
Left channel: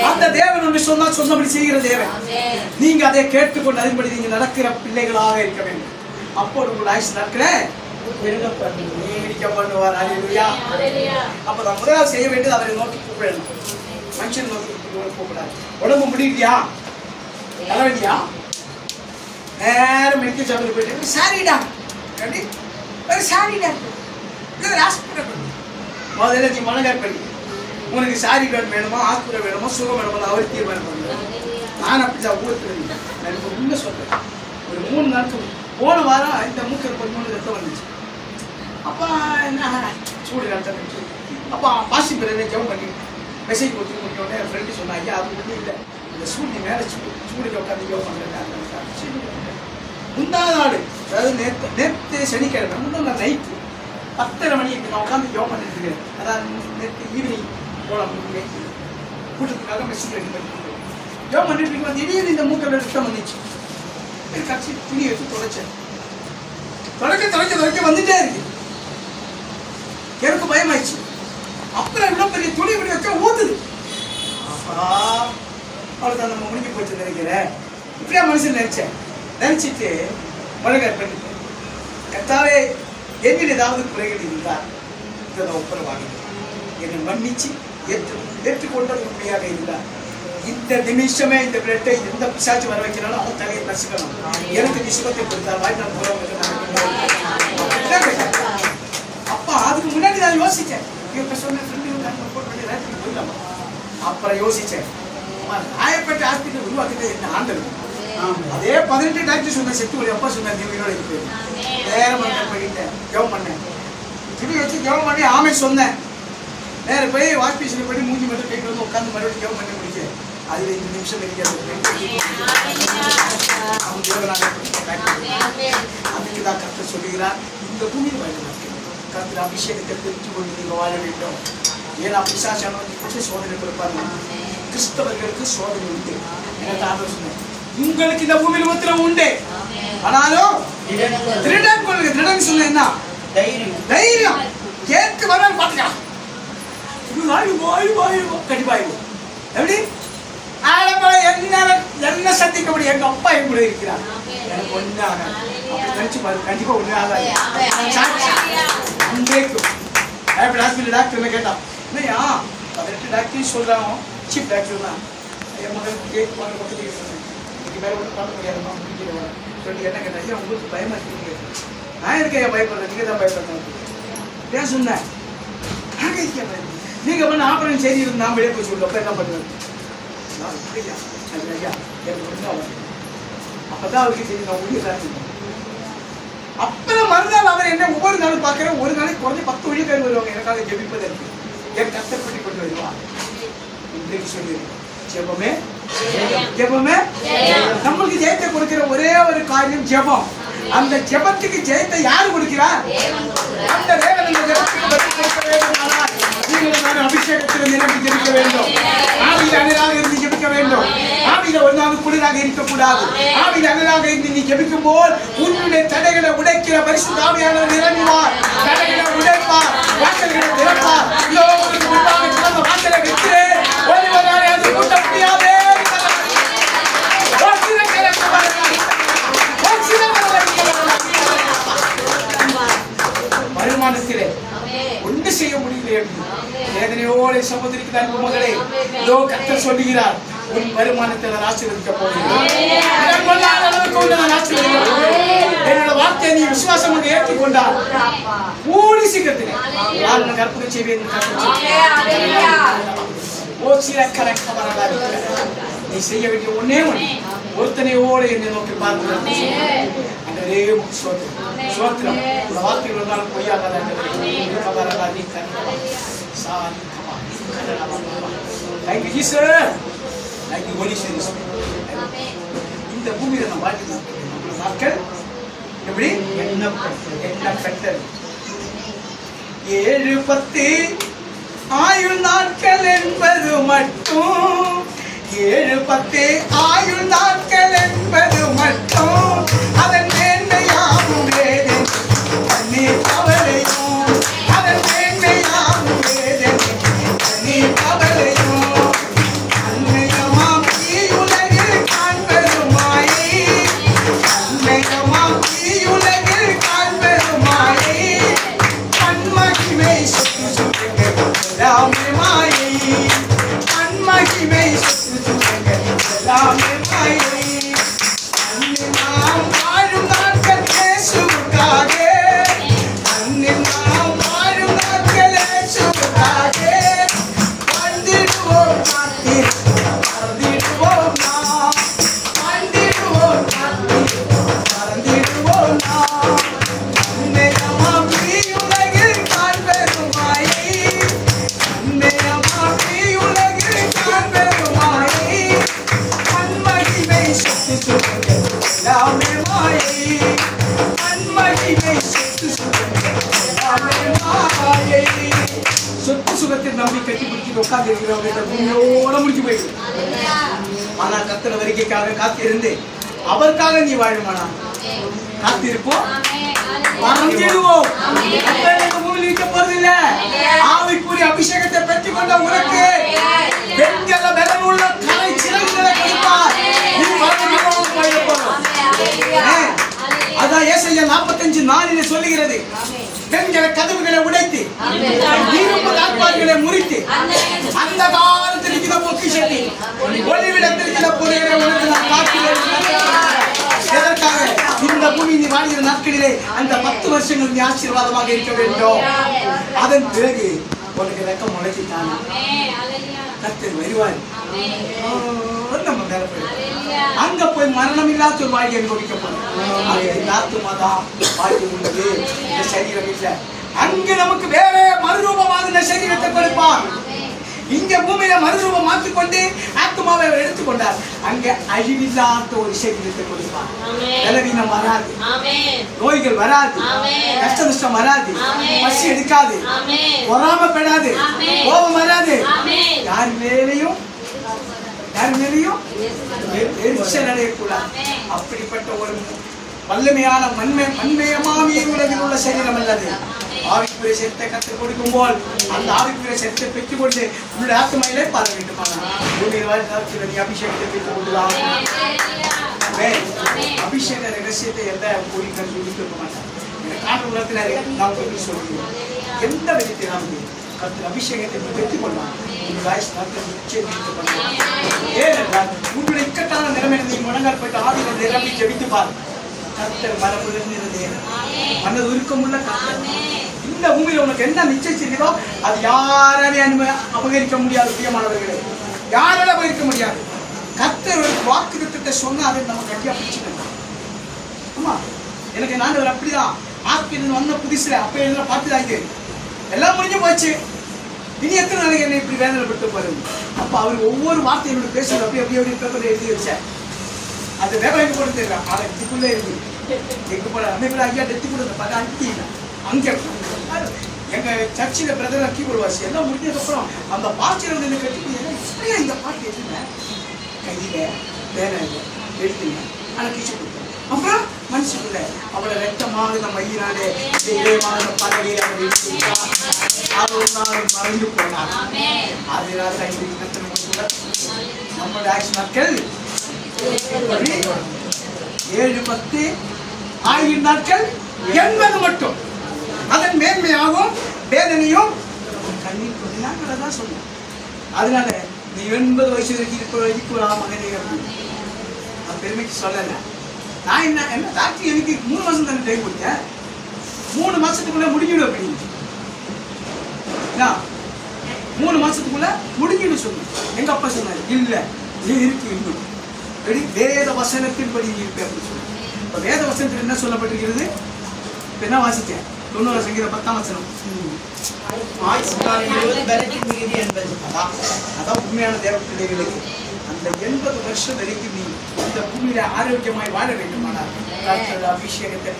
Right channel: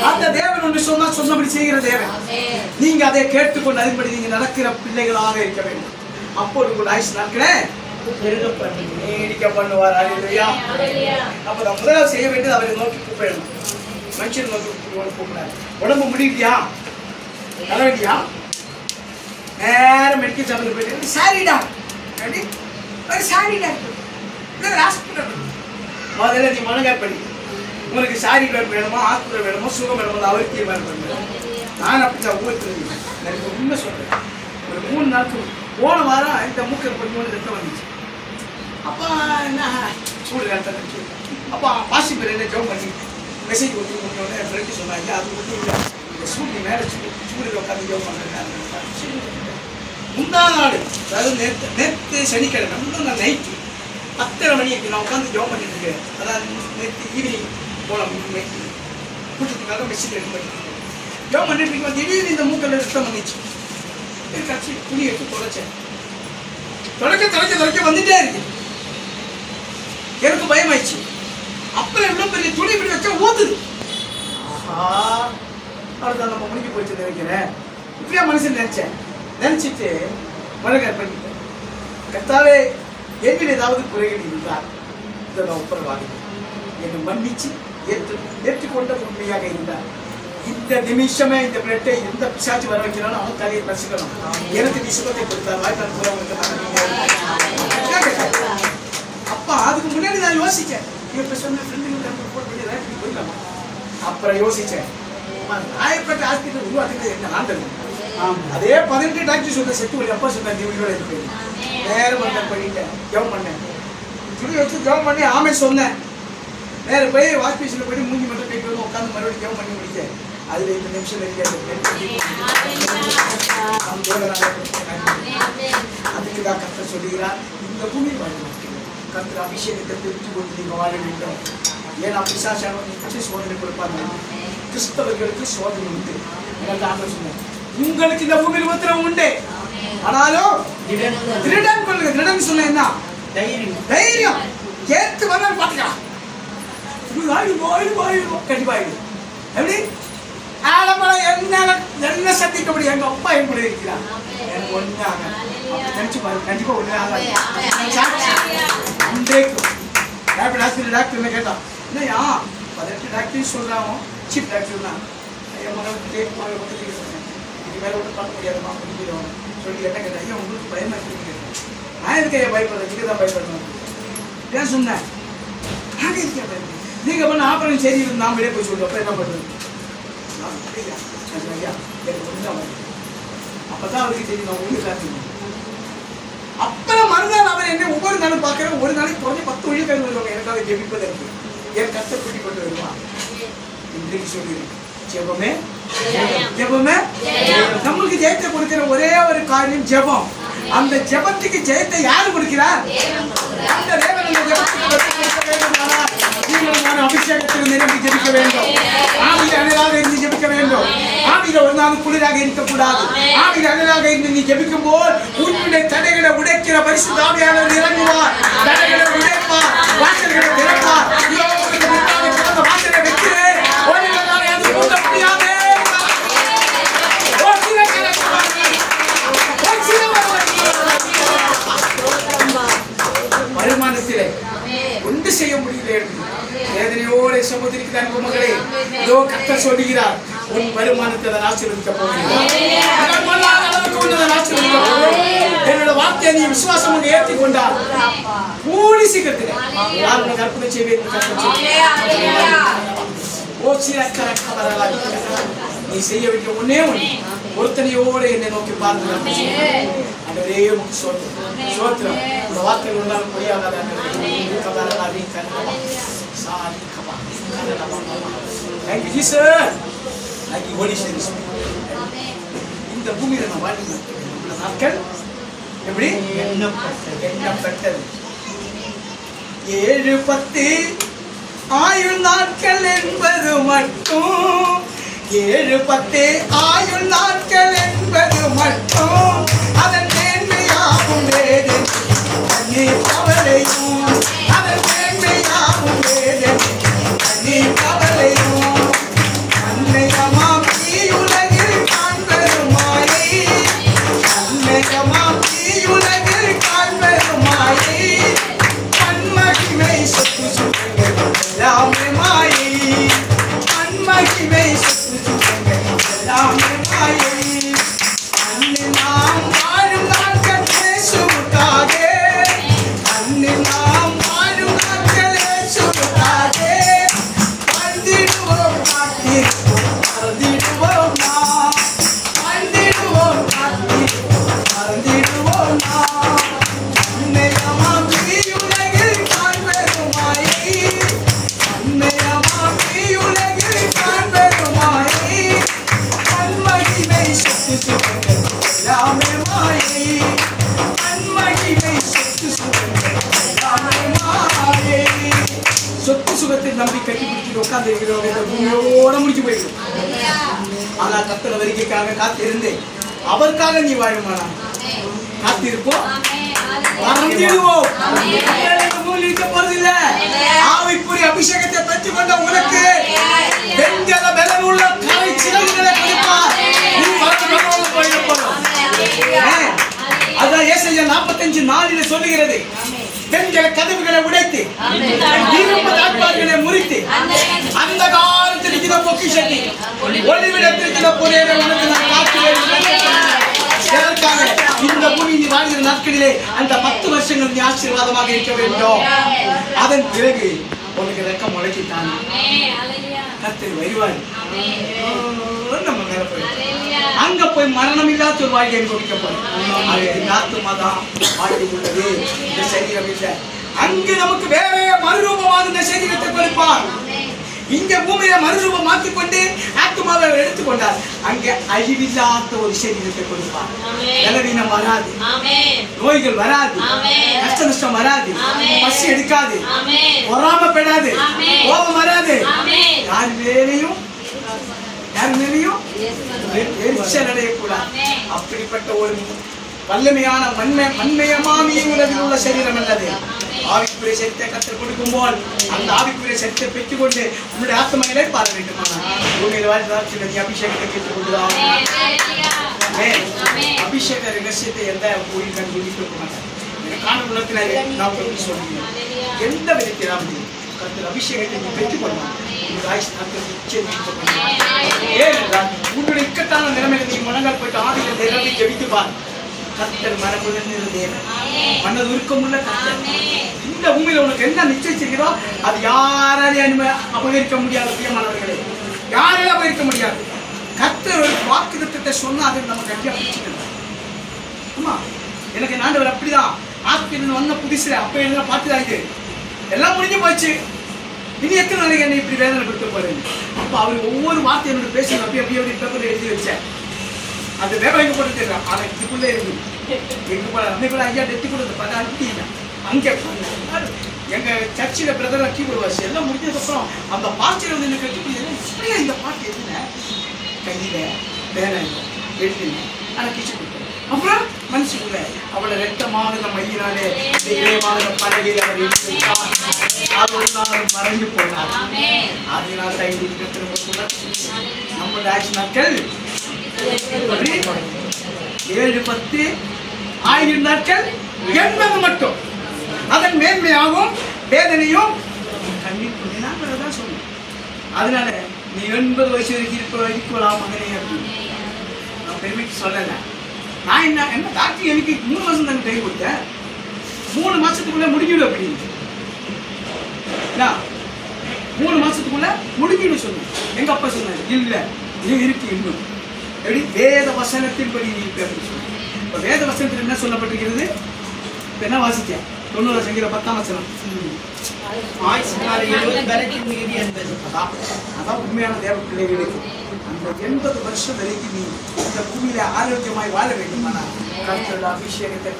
அந்த தேவன் ஒன்று சொன்னா சொன்னபடி செய்கிற தேவன். நீங்க அதை கேட்டுக்கொண்டு அதன்படி நீங்க நடக்கிற பிள்ளைகளாக இருக்க வேண்டும். அப்போது உங்கள் ஆயுசு நாட்களே நீடிக்க பண்ணுவார். அல்லேலூயா. அப்ப நம்ம முதலாவது செய்ய வேண்டியது அவரை நோக்கி கூப்பிடணும். மனுஷன் நோக்கி கூப்பிடாது. உடம்பு முடியலையா? தலைவலியா? நேரம் மெடிக்கல் ஷாப்பில் போயிட்டு சாரிடா சாரிடா ஹாஸ்பிட்டல் முதல்ல நீ மனகார் படி. உனக்கு சாரி வேணுமா, ஹாஸ்பிட்டல் வேணுமோ, சுகம் வேணுமோ அவர் தீர்மானம் பண்ணுவேன். நான் அப்படிதான் ஊற்றுறேன். நான் இப்போ உண்மை சொல்றேன். ஒரு 3 நாளுக்கு போன வாரம் இந்த மூக்கில் 13 ரத்தம் வந்துச்சு. அப்போ என்ன சூடு ரத்தம் வந்துச்சு. அப்போ பாசி பேர் என்ன ஜெபம் பண்ணி மெசேஜ் கொடுத்து கொடுத்தோடனே என் ஃப்ரெண்டு சொன்னா, ஐயா அது வந்து இல்லை இந்த சூடு மேலே சூடில் உட்காந்து ஜெபம் பண்ணுறேன். முந்தான நாள் அதாவது நேற்று சனிக்கிழமை முந்தின நாள் நைட்டு 10:30 மணிக்கு நான் உட்காந்து ஜெபம் பண்ணிட்டு இருக்கேன். அதான் நேற்று ஈவினிங் போகலாம் கூட்டத்துக்காக மெசேஜ் ரெடி பண்ணிட்டு இருக்கேன். ஜெபம் பண்ணிட்டு இருக்கேன். திடீர்னு இந்த மூக்கில் ரத்தம் வந்துச்சு. கட்சி துணி எடுத்து தொலைச்சேன். தொலைக்க வந்துட்டே இருக்கு. எனக்கு பயமாயிடுச்சு. அப்புறம் எவ்வளவு பெரிய துணி இப்படி வச்சா ஊத்துது. ஆஹா அவ்வளோதான் நம்ம முடிஞ்சு போச்சு நினைக்கிறேன். இப்படியா மனுஷன் நினைச்சிட்டு மனகார் பண்ணிட்டேன். கர்த்தாவே என்னில் ஏதாவது குறைகள் இருந்தால் இதை நான் ஒப்புரவாகிறேன். என்னை மன்னிச்சு ஏற்றுக்கொண்ட உண்மையாக இருந்தார் இந்த நிமிஷமே இந்த பிளட்டை எந்த பிசாச்சு வர வைக்கிறாலும் அவன் தலையை ரசிக்கணும். எனக்கு விசுவத்தை கொடுத்தா வாய்ப்பு அப்பா அதுக்கு முன்னாடி நான் யோசிச்சேன். அப்புறம் யோசிச்சேன் ராயப்பேட்டை ஹாஸ்பிட்டல் உருவாக்குறது என்ன ஆண்டது. அதே 18 டாக்டர் சொன்ன செத்து ஒரு அப்பா சொன்னார் நீ உயிரோட இருக்கு. நேரம் பண்ணிட்டேன். ஜெபம் பண்ணேன். துணி வச்சு ஜெபம் பண்ணி ஆமே சொன்னேன். நேர போய் வாஷ்பீஸில் போய் மூஞ்சி மட்டும் போய்ட்டு வந்து உட்காந்து மறுபடியும் ஜெபம் பண்ணி முடிக்க அதில் இந்த நிமிஷம் அதுக்கு தான் கர்த்தர் சொல்லுகிறார். இந்த பூமியில் வாழ மாட்டேன். கர்த்தர் அபிஷேகத்தை தெரிஞ்சு கொண்டு நீங்கள் வாழ வேண்டும். ஏன்னா பிசாசு சோதனை கொடுப்பாங்க. கிறிஸ்தவர்களுக்கு சோதனை உண்டு. எனக்கு ஆண்டவர் சொன்னார் உங்களுக்கு இந்த பூமியில் உத்தரவு உண்டு. ஆனாலும் திருடன் கொள்ளுங்க. திருடன் சொன்ன என்ன தைரியம் கேட்டு வந்தாலும் பார்த்துக்கலாம். கண்டிப்பாயிடும். எப்படி ஆலமலை என்ன சந்திக்க முடியும்? எங்க அப்பா என் கூட இருக்கிறார். எனக்கு ஒண்ணு ஆகாது. நினைச்சு பாரு கண்டிப்பா ஒண்ணு ஆகாது. டாக்டர் கேட்டா இல்லையா 18 டாக்டர் சொல்றாங்க. சீப் டாக்டர் தான் மேல ஒன்றும் பண்ண முடியாதுமா சொல்லி என்ன கேட்டா ஐயா உங்களுக்கு பயமா இருக்கு. நான் இருக்க பயப்படுறேன். நீங்க தான் பயப்படுறேன். ஏன் சொன்னேன் நீங்க பண்ண ஆபரேஷன் சரி இருந்து நான் வெளியே போய் சொல்றேன். என்ன பண்ணுவேன் அப்பதான் அவருக்கு தெரியும் நான் ஒளி காத்தீங்க. அப்புறம் மறுநாள் அவர் என்ன ஒவ்வொரு நாளும் பார்க்கிறேன். ஒரு நாளைக்கு குறைஞ்ச 10 வழிகள் வருவாங்க எனக்காக ஜெபிப்பதற்கு. என் கஷ்டப்பட்டு கொண்டு வருவான். இன்றைக்கு சொல்லிடுறேன் ஜெபமே ஜெபமே நம்மளுக்கு ஜெயத்தை கொடுக்கிற ஒரே ஒரு காரியம் ஜெபம். அந்த ஜெபத்துக்கு ஜெயத்தை யாரு கொடுக்கிறார்? அந்த தேவன் அபிஷேகத்தில் நிரம்பி ஜெபிக்க வேண்டும். ஆவியில் அணையாக இருந்து ஜெபிக்க வேண்டும். ஆவியில் ஒரு நாள் அனலாக இருக்கக்கூடாது. ஆவியில் அனலாக இருந்து நீ ஜெபிக்கும் போது உன்னுடைய தடைகளை உடைக்கிற பரிசுத்த ஆவியானவர் இறங்குவார். தடைகளை உடைப்பார், வாசல்களை திறப்பார். வாசலை வைக்கிறேன், ஒருவரால் அது கூட்ட முடியாது. வருமானத்திலே ஒன்று செய்ய முடியல என்று வேதனையோடு சகோதரிக்கு அன்பு மகளே, இதோ கர்த்தர் சொல்லுகிறார், உன் வருமானத்தை நான் ஆசீர்வதிக்க போகிறேன். என்னோட வார்த்தையை நீ விசுவாசம் ஏற்றிக் கொண்டால் கூடி சீக்கிரத்தில் நான் உனக்கு அற்புதம் செய்வேன். நீ செய்ய வேண்டிய ஒன்னே ஒன்று, ஒருத்தனையோடு என்னை நோக்கி பார்த்து சோத்திரம். உங்க வார்த்தைகள் இருந்தாலும் பொய்யாத இந்த பூமியில நம்ம வாழ்க்கை நாட்கள் எப்படி எண்ணப்பட்டது 7-10 ஆயுள் நாட்கள் என்பது மட்டும் 7-10 ஆயுள் நாட்கள் என்பது மட்டும் அதன் மேன்மையாகும் வேறு தண்ணி கவலையும் அதன் மேன்மையாகும் வேறு தண்ணி கவலையும் அன்னையமாம் தீயுலகில் காண்பெருமாயை அன்னையமாம் தீயுலகில் காண்பெருமாயை அன்மகிமை சொத்து சுகங்கள் எல்லாமே மாயை அன்மகிமை சொத்து சுகங்கள் எல்லாமே மாயை அன்னை நாம் வாழும் நாட்கள் இயேசுவுக்காக அன்னை நாம் வாழும் நாட்கள் இயேசுவுக்காக வாழ்ந்திடுவோம் வாழ்ந்திடுவோம் நாம் வாழ்ந்திடுவோம் வாழ்ந்திடுவோம் நாம் அன்னையமாம் தீயுலகில் காண்பெருமாயை அன்னையமாம் தீயுலகில் காண்பெருமாயை அன்மகிமை சொத்து சுகங்கள் எல்லாமே மாயை அன்மகிமை சொத்து சுகங்கள் எல்லாமே மாயை. சொத்து சுகத்தில் நம்பி கட்டி பிடிச்சிட்டு உட்கார்ந்து இருக்கிறவங்க இந்த பூமியோட முடிச்சு போயிடும். ஆனா கர்த்தர் வருகைக்காக காத்திருந்து அவருக்காக நீ வாழுமானா காத்திருப்போம், மறந்துடுவோம். ஆவிக்குரிய அபிஷேகத்தை பெற்றுக் கொண்ட உனக்கு வெண்கல பலனுள்ள கலை சிறகுகளை கொடுப்பார். நீ அதான் ஏசாயா 45:4 சொல்லுகிறது, பெண்களை கதவுகளை உடைத்து முறித்து அந்த காலத்தில் இருக்கிற பொக்கிஷத்தை ஒளிவிடத்திற்கிற பொருளை உனக்கு நான் காத்துகிறேன். இந்த பூமி நீ வாழ்கிற நாட்களிலே அந்த 10 வருஷங்கள் நீ ஆசீர்வாதமாக இருக்க வேண்டும். அதன் பிறகு உனக்கு ரெக்கம் முளைச்சிட்டான் கர்த்தர் வருவார். நம்ம மேல போய் அங்க போய் மரணம் இல்லாத ஒரு வாழ்க்கை அனுபவிக்க போறோம். ஆத்துமாதான் வாழ்க்கை உள்ளது, இந்த சரீரம் இல்லை. அங்கு நமக்கு வேற மறுரூபமாக இந்த சரீரத்தை கொடுப்பார். இங்க பூமியில மறுரூபம் மாற்றிக்கொண்டு ஆத்மாவை எடுத்துக்கொண்டார். அங்கே அழிவில்லாத ஒரு சரீரத்தை கொடுப்பார். பலவீனம் வராது, நோய்கள் வராது, கஷ்ட நஷ்டம் வராது, பசி எடுக்காது, பொறாமப்படாது, கோபம் வராது, யார் மேலையும் எரிச்சல் அடையக்கூடாது. அப்படிப்பட்ட ஒரு வல்லமையான மண்மயமாமிய உலகில் உள்ள சரீரம் அல்லது ஆவிக்குரிய சக்தியை கற்றுக் கொடுக்கும் போல் அந்த ஆவிக்குரிய சக்தியை பெற்றுக் கொண்டு உன்னுடைய ஆத்மையிலே பார வேண்டுமா அபிஷேகத்தை பெற்றுக் கொண்டுதான். அபிஷேக ரகசியத்தை எந்த கோயில் சொல்லி கொடுக்க மாட்டேன். காண உலகத்தில் நாம் சொல்லி சொல்லுகிறோம். எந்த விதத்திலாவது கர்த்தர் அபிஷேகத்தை நீ பெற்றுக் கொள்ளலாம். ஏனென்றால் உன்னுடைய இக்கட்டான நிலைமையில நீ முழங்கால் போயிட்டு ஆவியில் நிரம்பி ஜெபித்துப்பார். கர்த்தர் மனது உருக்கமுள்ள கர்த்தர். இந்த பூமியில உனக்கு என்ன நிச்சயிச்சிருக்கிறோ அது யாராலையும் அபகரிக்க முடியாது. பிரியமானவர்களே, யாராலும் அபகரிக்க முடியாது. கர்த்தர் ஒரு வாக்குத்தத்தத்தை சொன்னா அதை நம்ம கட்டியா பிடிச்சுக்கணும். ஆமா, எனக்கு ஆண்டவர் அப்படிதான் ஆஸ்பின் வந்த புதுசுல அப்ப என்ன பார்த்துதான் இது எல்லாம் முடிஞ்சு போச்சு. இனி எத்தனை நாளைக்கு என்ன இப்படி வேதனைப்படுத்த பாருங்க. அப்ப அவர் ஒவ்வொரு வார்த்தையோட பேசுறது அப்படியே பேப்பர்ல எழுதி வச்சேன். அந்த வேகம் போட்டு தெரியும். ஆனா இதுக்குள்ளே இருக்கு எங்க போல அமைப்புல ஐயா டெத்தி கொடுத்த பார்த்து அனுப்பிட்டீங்க. அங்கே எங்க சர்ச்சில் பிரதமர் கீபோர்டு எல்லாம் முடிஞ்சதுக்கப்புறம் அந்த பாஸ்டர் வந்து என்ன கட்டி இந்த பாட்டு எதுன கையில வேலை எடுத்துங்க. ஆனா டீச்சர் கொடுத்தாரு. அப்புறம் மனுஷக்குள்ள அவளை ரத்தமாக மையினாலே பலகையில் அவர் எடுத்துட்டார். மறைந்து போனார். அதனால நம்ம ஆக்ஷன் நாட்கள் 7, 10, 1000 நாட்கள் 80 மட்டும். அதன் மேன்மையாகவும் வேதனையும் கண்ணீர் கொண்டு தான் சொல்லுவேன். அதனால நீ 80 வயசு வரைக்கும் இருக்கலாம் மகனே அப்படின்னு நான் பெருமைக்கு சொல்லலை. நான் என்ன டாக்டர் எனக்கு 3 மாசம் தானே டைம் கொடுத்தேன். 3 மாசத்துக்குள்ள முடிஞ்சிடும் அப்படின்னு 3 மாசத்துக்குள்ள முடிஞ்சிடும் சொன்னேன். எங்க அப்பா சொன்னாரு, இல்ல நீ இருக்கு இன்னும் எப்படி வேத வசனத்தின்படி நீ இருக்கு அப்படின்னு சொல்லி. இப்ப வேத வசனத்தில் என்ன சொல்லப்பட்டிருக்கிறது? என்ன வாசிச்சேன்? 90 சங்கீதம் 10ஆம் வசனம். அதான் உண்மையான தேவ பிள்ளைகளுக்கு அந்த 80 வருஷம் வரைக்கும் நீ இந்த பூமியில ஆரோக்கியமாய் வாழ வேண்டுமானால் கர்த்தருடைய அபிஷேகத்தை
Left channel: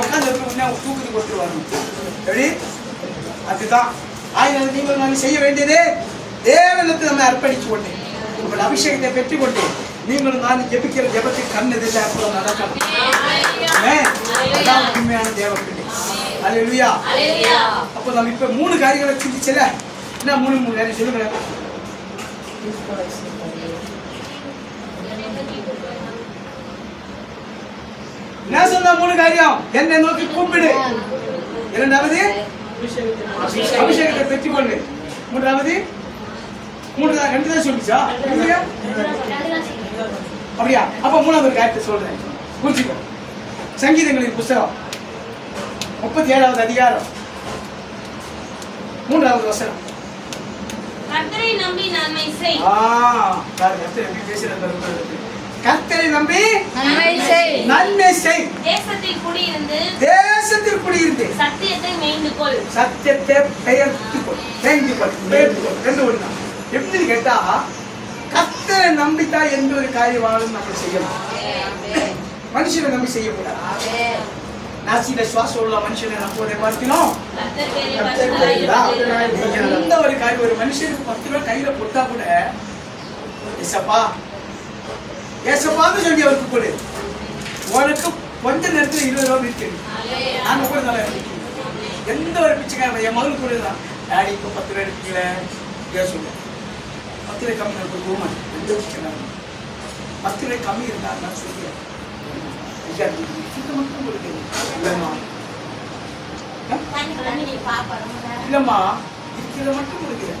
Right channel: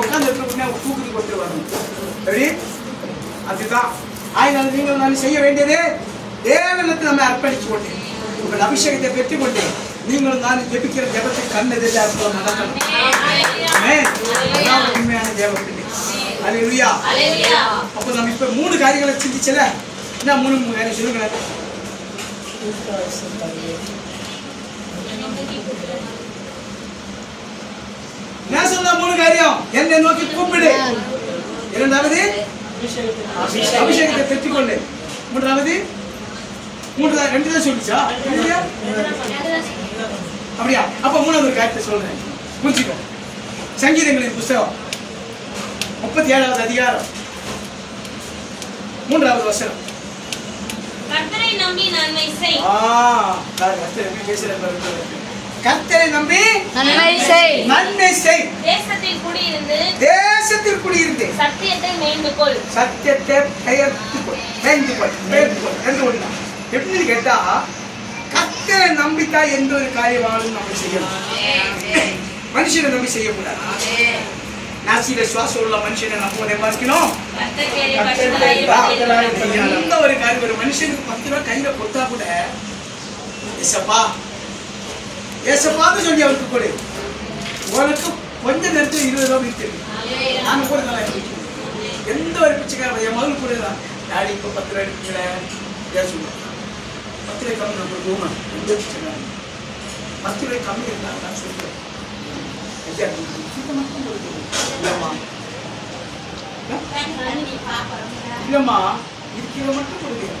உட்கார்ந்து தூக்குறதுக்கு ஒருத்தர் வரணும். எப்படி? அதுதான் ஆயிரம் நீங்கள் நான் செய்ய வேண்டியது தேவனுக்கு நம்ம அர்ப்பணிச்சு கொண்டு உங்கள் அபிஷேகத்தை பெற்றுக்கொண்டு நீங்களும் நான் ஜெபிக்கிற ஜெபத்துக்கு கண் எதிர்த்து நடக்கணும். உண்மையான தேவ பிள்ளை. அல்லேலூயா. அப்போ நம்ம இப்ப 3 காரியங்களை சிந்திச்சல. என்ன 3 காரியம் சொல்லுங்க. என்ன சொன்ன 3 காரியம்? என்னை நோக்கி கூப்பிடு. இரண்டாவது அபிஷேகத்தை பெற்றுக்கொண்டு. மூன்றாவது 2 தான் சொல்லிச்சா? அப்படியா? அப்ப 3வது காரியத்தை சொல்றேன், புரிஞ்சுக்கோ. சங்கீதங்களின் புத்தகம் 37வது அதிகாரம் 3வது வசனம். கர்த்தரை நம்பி நன்மை செய். கர்த்தரை நம்பி நன்மை செய். தேசத்தில் குடியிருந்து சத்தியத்தை மேய்ந்துகொள். சத்தியத்தை பெயர்த்துக்கொள். எப்படி கேட்டா கர்த்தரை நம்பித்தான் எந்த ஒரு காரியமாலும் நம்ம செய்யலாம். மனுஷனை நம்பி செய்யக்கூடாது. நாசியில சுவாசம் உள்ள மனுஷனை நம்புவதை பார்க்கணும். எந்த ஒரு காரியம் ஒரு மனுஷனுக்கு 10 ரூபாய் கையில கொடுத்தா கூட ஏசப்பா ஏசப்பான்னு சொல்லி அவருக்கு கொடு. உனக்கு கொஞ்ச நேரத்தில் 20 ரூபாய் இருக்கு. நாங்க கூட நல்லா இருக்கு. எந்த ஒரு பிச்சைக்காரன் என் மகன் கூட டாடி இப்போ 10 ரூபாய் எடுக்கல சொல்லுவேன். 10 ரூபாய் கம்மி நம்ம போகணும். எந்த பிச்சைக்காரன் 10 ரூபாய் கம்மி இருந்தா நான் சொல்லுவேன். இல்லம்மா இருக்கிற மட்டும் கொடுக்கிறேன்.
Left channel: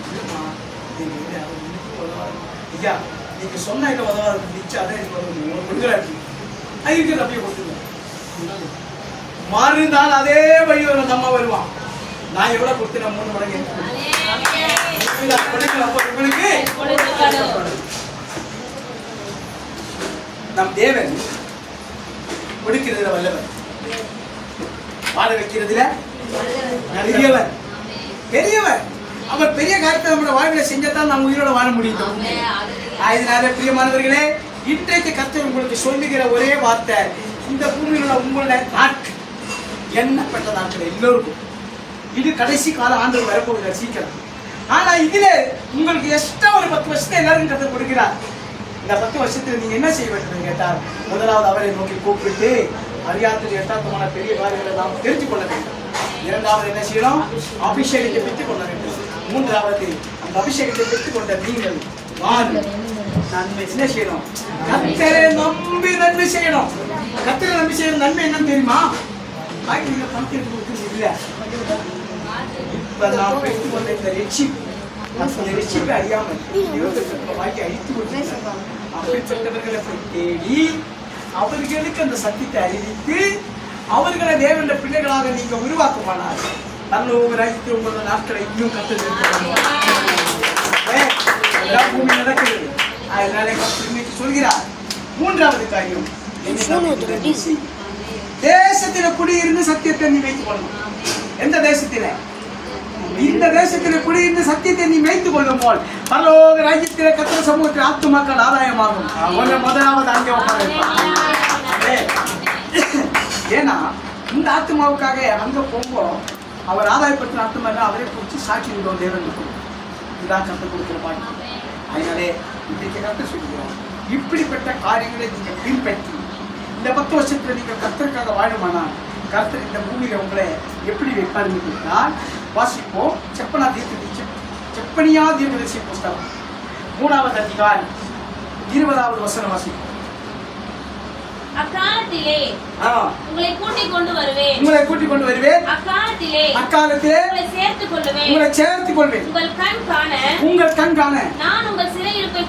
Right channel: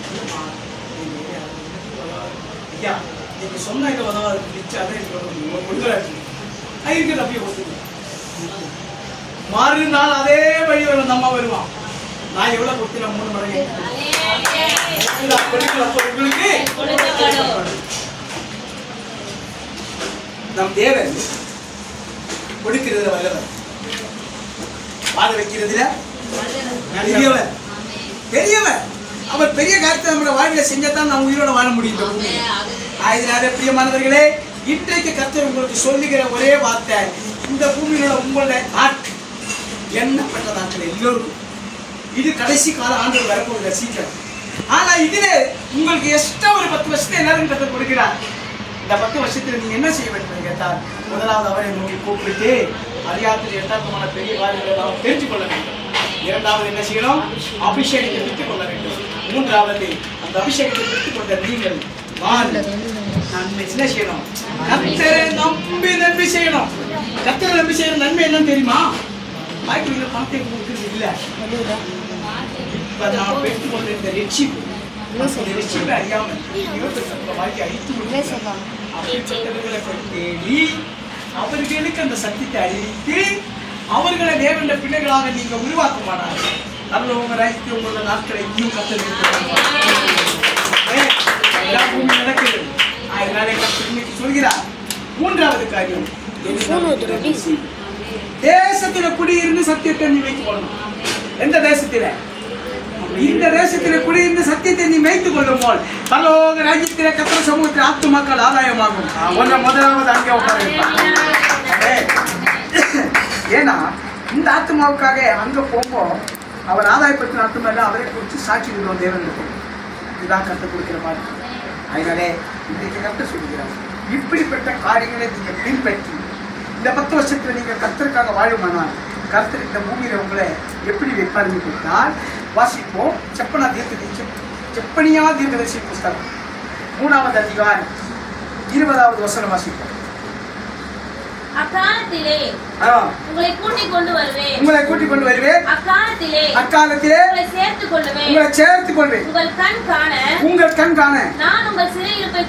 ஐயா நீங்க சொன்ன உதவாது அதை இருக்கிறது அப்படியே கொடுத்துருவேன். மறுநாள் அதே வழி வரும் அம்மா வருவான். நான் எவ்வளவு கொடுத்தேன்? 3 மடங்கு உங்களுக்கு. நம் தேவன் கொடுக்கிறதுல வல்லவர், வாழ வைக்கிறதுல பெரியவர். அவர் பெரிய காரியத்தை நம்மளோட வாழ்வில் செஞ்சத்தான் நம்ம உயிரோட வாழ முடியும். அதனால பிரியமானவர்களே, இன்றைக்கு கர்த்தர் உங்களுக்கு சொல்லுகிற ஒரே வார்த்தை, இந்த பூமியில உங்களோட நாட்கள் எண்ணப்பட்ட நாட்கள் எல்லோருக்கும் இது கடைசி கால ஆண்டு வரப்போகிற சீக்கிரம். ஆனா இதுல உங்களுக்கு எக்ஸ்ட்ரா ஒரு 10 வருஷத்தை எல்லாரும் கர்த்தர் கொடுக்கிறார். இந்த 10 வருஷத்துல நீங்க என்ன செய்ய வேண்டும் கேட்டால், முதலாவது அவரை நோக்கி கூப்பிட்டு அறியாத எட்டாத்தமான பெரிய காரியங்களை நாம் தெரிந்து கொள்ள வேண்டும். இரண்டாவது என்ன செய்யணும்? அபிஷேகத்தை பெற்றுக் கொள்ள வேண்டும். மூன்றாவது அந்த அபிஷேகத்தை பெற்றுக் கொண்ட நீங்கள் நன்மை என்ன செய்யணும்? கர்த்தரை நம்பி நன்மை செய்யணும். கர்த்தரை நம்பி செய்யணும். நன்மை என்னன்னு தெரியுமா? வாய்க்கு பணத்தை கொடுக்கிறது இல்லை. இப்ப நான் பெற்றுக் கொண்ட இந்த ரட்சிப்பை அறியாமல் வாய்க்கு அழித்து கொடுக்கிறேன். அப்படிப்பட்டவர்களை தேடி அவர்களுக்கு அந்த சத்தியத்தை அறிவித்து அவர்களை தேவனுடைய பிள்ளைகளாக நீங்க உருவாக்குமானால் நல்ல உங்க ராஜ்யத்தை உங்களோட நாட்களை இன்னும் பூமி நடக்குது. அதனால இன்னைக்கு சொல்கிறார். மூன்றாவது காரியம், தேசத்தில குடியிருந்து சத்தியத்தை நீ வைத்துக் கொள்ளணும். எந்த தேசத்தில? இந்த தேசத்தில குடியிருந்து சத்தியத்தை நீ வைத்துக் கொள்ளும் போல் பரலோக ராஜ்யத்திலே கர்த்தர் சமூகத்தில் ஆத்துமாக்கள் ஆதாயமாகும். முதலாவது அங்கே உட்கார. ஏன்னா இந்த ஆத்மாவுக்காக அங்க போம்போ அவர் ஆதாயப்பட்ட ஆத்மாவில் அவரை குறித்து சாட்சி விடுவோம் தேவனுக்கு. இதுதான் கற்றுக் கொடுக்கிற மாதிரி. அதனாலே இன்றைக்கு கற்று சொல்லுகிறார், இப்படிப்பட்ட காரியங்களை நீங்கள் பின்பற்றி இந்த 10 வருஷத்துல நீங்கள் கர்த்தருக்காக வாழுமானால் கர்த்தர் இந்த பூமியில உங்களை எப்படி வைப்பாருன்னு கேட்டால் வாசிப்போம். செப்பனியா தீர்க்கதரிசி புஸ்தகம் 3வது அதிகாரம் 20வது வசனம் வாசிப்போம். அக்காலத்திலே உங்களை கூட்டிக் கொண்டு வருவேன். அக்காலத்திலே உங்களை சேர்த்துக் கொள்வேன். உங்கள் கண் காண நான் உங்கள் சிறையிருப்பை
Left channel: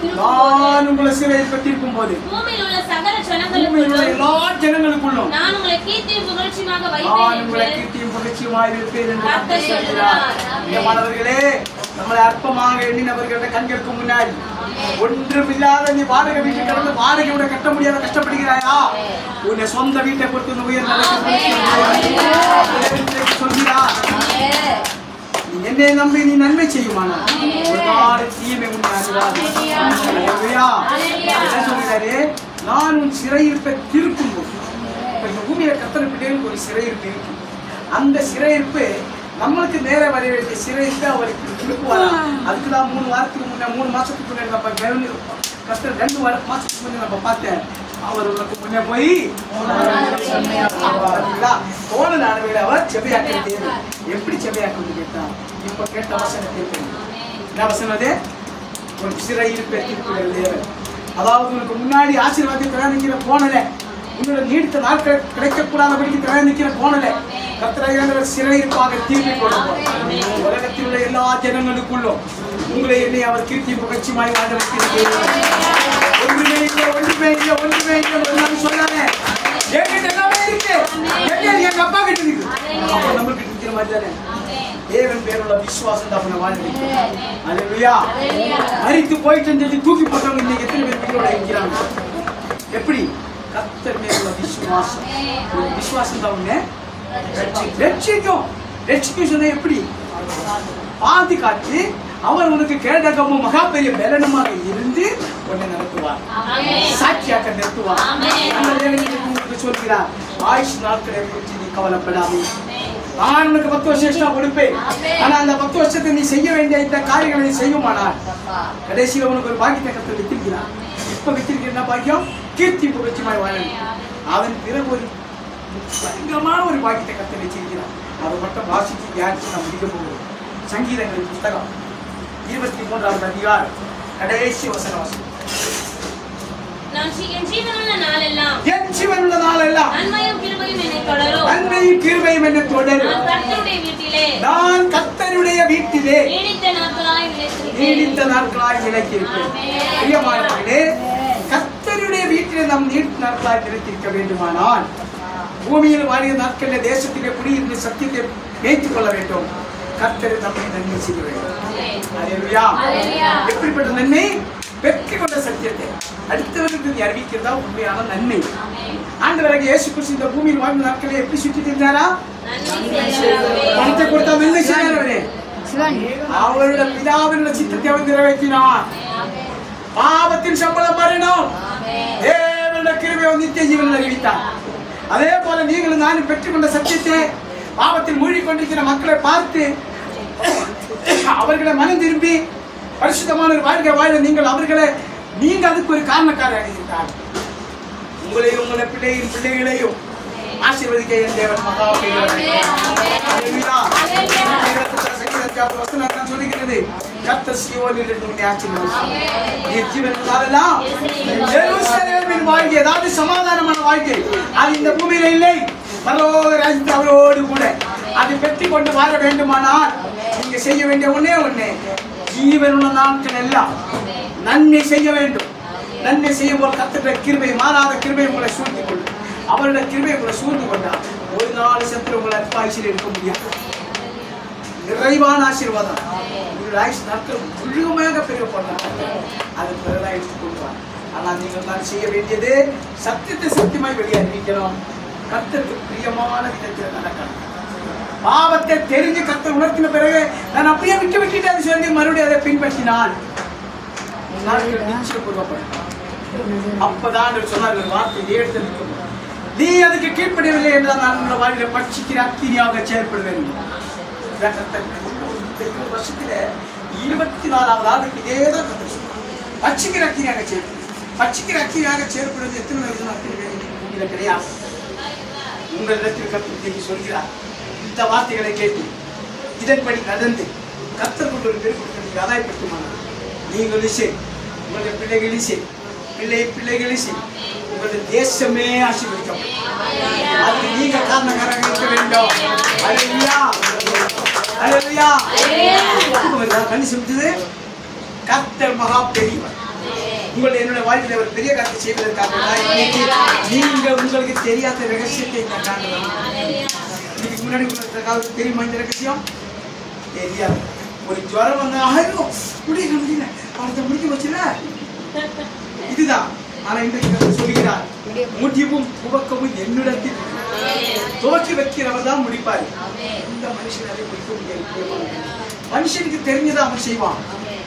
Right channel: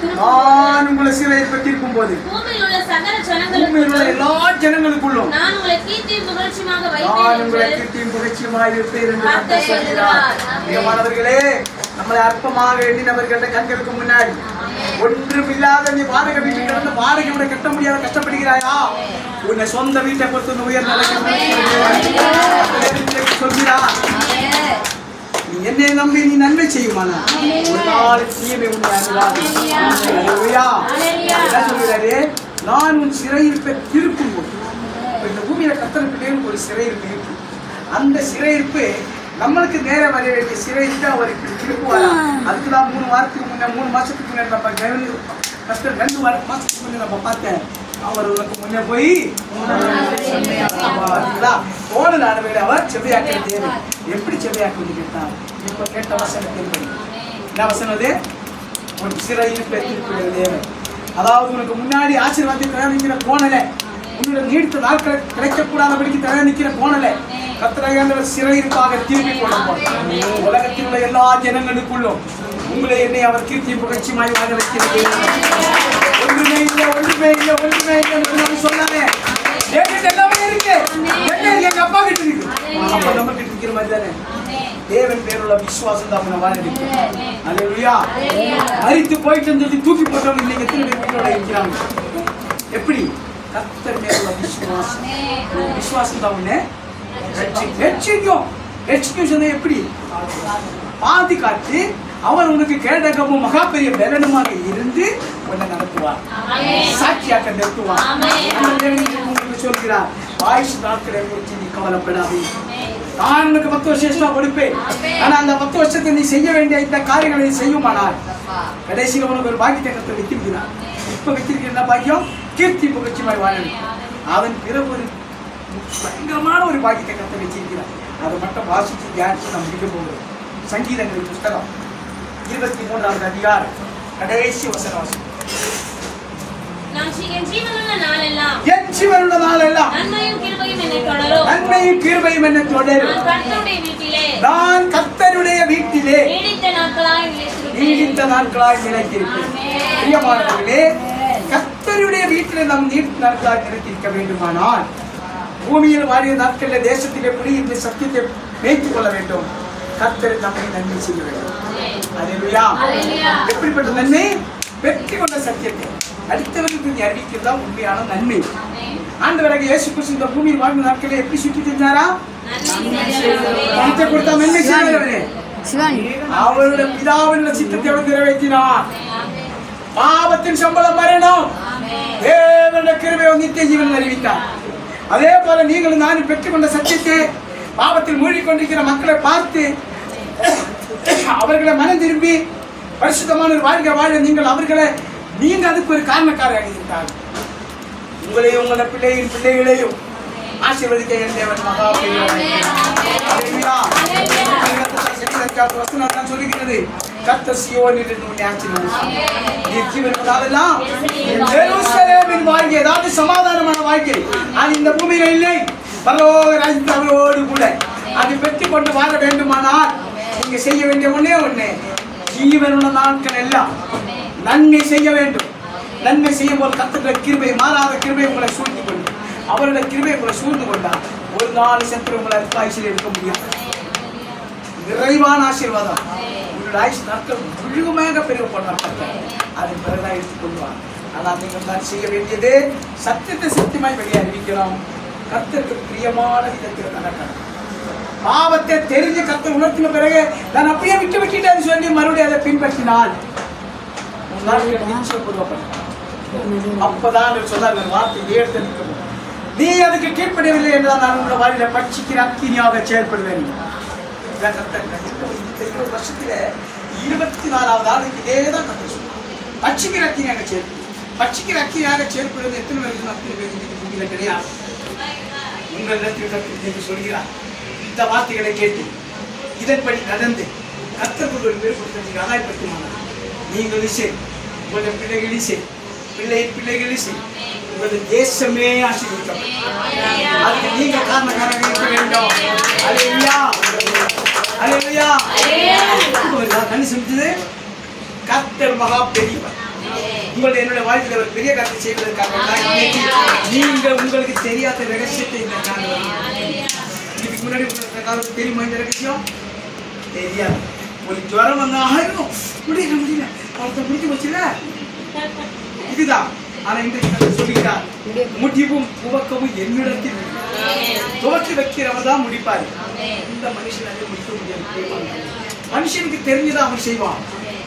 திருப்பும் போது பூமியில் உள்ள சகல ஜனங்களுக்கும் எல்லா ஜனங்களுக்குள்ளும் நான் உங்களை கீர்த்தியும் புகழ்ச்சியுமாக வைப்பேன் என்று கர்த்தர் சொல்கிறார். மாணவர்களே, நம்மளை அற்பமாக எண்ணினவர்கள கண்களுக்கு முன்னாடி ஒன்றுமில்லாத நீ வாடகை வீட்டில் கிடந்து வாடகை உன்னை கட்ட முடியாத கஷ்டப்படுகிறாயா? உன்னை சொந்த வீட்டை பொறுத்து உயர்ந்த சொல்கிறார். நீ என்னை நம்பி நீ நன்மை செய்யுமானா ஒரு நாள் தீமை சொல்கிறாரு. நான் உன் சிறையிருப்பை திருப்பும் போது இந்த பூமியில கர்த்தர் பிள்ளைகளுக்கு ஒரு சிறையிருப்பு இருக்கு. அந்த சிறையிருப்பு நம்மளுக்கு நேர வர வேண்டிய சிறையிருப்பு அவர் இப்படி திருப்புவாரா? அதுக்குதான் 3 வாரத்துக்கு முன்ன 3 மாசத்துக்கு முன்னாடி நம்ம கர்த்தர் 2 மாசத்துக்கு முன்ன நம்ம பார்த்தேன். அவர் உனக்கு முன்னே போய் போன நாடு அவர் செவ்வையாக்க தேவை. எப்படி செவ்வையாக்க கேட்டார்? இப்ப கேட்ட வசனத்தை என்ன வசனம்? அது ஒரு சிறையிருப்பை திருப்புகிற தேவை. அதாவது உனக்கு முன்னாடி ஆசீர்வாதத்தை தயாரிக்கிற போனல, உன்னோட நீடித்த நாட்கள் கிடைக்கக்கூடாதபடிக்கு தயாரிக்கிற போனல கர்த்தர் சிறையிருப்பாக தீர்ப்பு கொடுப்பார். உலகத்தில் உள்ள எல்லா ஜனங்களுக்குள்ளும் உங்களை என்னை அவர் கீர்த்தி புகழ்ச்சியுமாய் வாழ வைத்திருக்கிறார். ஒன்றுமே இல்லை சொன்னாங்க. எங்க அப்பா கிட்ட இருக்கு, அப்பா நம்ம கிட்ட இருக்கிற மாதிரி தானே. தேவன் பேருள்ள விசுவாசம் தான் வாழ வைக்கிறார். அல்லேலூயா. மரித்து போயிட்டு இருந்தது தூக்கி போட்டவங்க இன்னைக்கு எத்தனை பேர் இருக்கிறாங்க? எப்படி? கர்த்தர் பேருள்ள விசுவாசம். விசுவாசம் தான் உன்னை ரட்சிக்கும். எப்படி பாதுகாத்து அவர் உனக்கு கேடகமும் மகா பெரிய பலனுமாக இருந்து உன்னை நடத்துவார், சாட்சியாக நிறுத்துவார். சொல்கிறார், ஆயுஷ் நாட்களை குறித்து நீ கவலைப்படாதே, நான் உனக்கு 10 வருஷம் கொடுப்பேன். ஆனா அந்த 10 வருஷத்தை நீ செய்ய வேண்டிய இந்த காரியங்களை நீ செய்யுமானால் கடைசியில் உனக்கு ஒரு பாக்கியத்தை கர்த்தர் வைத்திருக்கிறார். இப்ப வைத்திருக்கிற என்ன பாக்கியம்? கீர்த்தி புகழ்ச்சிமாய் வாழ. அவன் பிறகு ஒரு பயங்கரமான ஒரு பாக்கியத்தை கர்த்தர் வச்சிருக்கிறார். அதை மட்டும் வாசிச்சு தியானிச்சு நாம் முடிக்க போகிறோம். சங்கீதங்கள் புஸ்தகம் 23வது அதிகாரம் கடைசி வசனம். என் ஜீவனுள்ள நாளெல்லாம் நன்மையும் கிருபையும் என்னை தொடரும். நான் கர்த்தருடைய வீட்டிலே நீடித்த நாட்களாய் நிலைத்திருப்பேன். பிரியமானவர்களே, கர்த்தருடைய வீட்டிலே நாம் நீடித்த நாட்களாய் நிலைத்திருக்க வேண்டுமானால் பூமியில் வாழிய நாட்களில் தேசத்திலே குடியிருந்து சத்தியத்தை மேய்த்துக் கொள்ள வேண்டும். கர்த்தர் நம்மை நன்மை செய்ய வேண்டும். அல்லேலூயா. எப்படிப்பட்ட நன்மை? வெற்றி கொண்ட சத்தியத்தை அடுத்தவர்களுக்கு அறிவிக்கிறதா உண்மையான நன்மை. ஆண்டவராகிய இயேசு கிறிஸ்து இந்த பூமியில் வாழ்ந்த நாட்களில் எப்படி சுற்றி இருந்தாரா? பணத்தை கொடுத்தா நன்மை செய்வாரே. அவருடைய பிதாவின் சித்தத்தை அவர் நிறைவேற்றினார். பாவத்தின் சம்பளம் மரணம், தேவனுடைய கிருபையை நித்திய ஜீவன் அறிவித்தார். அதே போல நீங்களும் நானும் பெற்றுக்கொண்ட சத்தியத்தை பாவத்தில் மூழ்கிக்கொண்டிருக்கிற மக்களை பார்த்து அவர்களை மனம் திரும்பி பரிசுத்தமான ஒரு வாழ்க்கை வாழ நீங்க அதுக்கு ஒரு காரணக்காரராக இருக்கிறார்கள். உங்களையும் உங்களை பிள்ளைகளையும் ஆசீர்வதிக்க என் தேவன் மகா சொல்லுகிறது. கர்த்தர் சீயோனிலிருந்து உன்னை ஆசீர்வதிப்பார். வாழ்க்கை ஏதாவது சமாதானமான வாழ்க்கை அது இந்த பூமியில இல்லை. பரலோக ராஜ்யத்தில் அவரோடு கூட அது பெற்றுக் கொண்டு வாழ வேண்டுமானால் நீங்க செய்ய வேண்டிய ஒண்ணே ஜீவனுள்ள நாட்கள் எல்லாம் நன்மை செய்ய வேண்டும். நன்மை செய்யும் போது கர்த்தருடைய கிருபை, மாறாத கிருபை உங்களை சூழ்ந்து கொண்டு அவருடைய கிருபை உங்களை சூழ்ந்து கொண்டால் ஒரு நாள் சென்று உங்களை அல்பாயுசில் இருக்க முடியும். நிறைவான ஆசீர்வாதம் உங்களுடைய ஆயுஷ் நாட்கள் முழுமையாக பெருகப்படலாம். அது பிறகு எடுத்துக் கொள்வார். ஆனால் நீங்கள் தான் செய்ய வேண்டியது சத்தியத்தை சத்தியமாய் வெளியே அறிவிக்கிறோம். கர்த்தருக்கு பிரியமான விதத்தில் நடக்கணும். பாவத்தை தெரிஞ்சு கர்த்தர் உணர்த்தின பிறகு நான் அப்படியே விட்டுட்டேன்னு சொல்லி மறுபடியும் அதை பின்பற்றினால் நிச்சயம் கொடுக்கப்படும். அப்பதான் சொன்னார்கள் வார்த்தை ஏற்று நிற்கும். நீ அதுக்கு கீழ்ப்படியவில்லை என்றால் நான் உங்கள் வாழ்க்கையில பட்சிக்கிற அக்கினியாக செயல்படுவேன். வருஷத்துல 24வது நாளுக்கு இதேதான் பட்சிக்கிற அக்கினியாக செயல்படும். பட்சிக்கிற அக்கியாக செயல்படுவது எத்தனை பேருக்கு அத்தனை பேருக்கு பூமியில கிடையாது. உங்களிடத்தில் கர்த்தர் என்று சொல்கிறார். இந்த வார்த்தைகளை கேட்டு இதன்படி நடந்து கர்த்தர் உங்களுக்கு கொடுத்த நீங்க ஆதாயப்படுத்துமானது. நீங்களும் சரி, உங்களுடைய பிள்ளைகளும் சரி, பிள்ளைகளும் சரி, உங்களுடைய தேசமே ஆசீர்வதிக்கப்படும். அதுக்கு நீங்க காரணக்காரங்க இருக்க வேண்டும். அல்லேலூயா, அல்லேலூயா. கண்ணி செஞ்சது கர்த்தர் மகா பெரியவர். உங்களுடைய என்னுடைய வாழ்க்கையில் ஒரு பெரிய காரியத்தை செய்வதற்காக நீங்கள் உங்களுக்கு தெரியாத ரகசியத்தை இதுக்கு முன்னாடி உங்களுக்கு தெரியுமா? இந்த ரகசியம் தெரியாது. ஒரு ஜுவரம் வந்தா முடியல அவர்கிட்ட முடிக்க வச்சுல இதுதான். ஆனா இன்றைக்கு சொல்லுகிறார், முடிவும் துவக்கமும் என்னிடத்தில் துவக்கி வைக்கிறவர் தான் முடிப்பாரு. இந்த மனுஷன் அதை முடிக்க முடியாது. மனுஷனுக்கு தெரிஞ்சதை அவன் செய்வான்,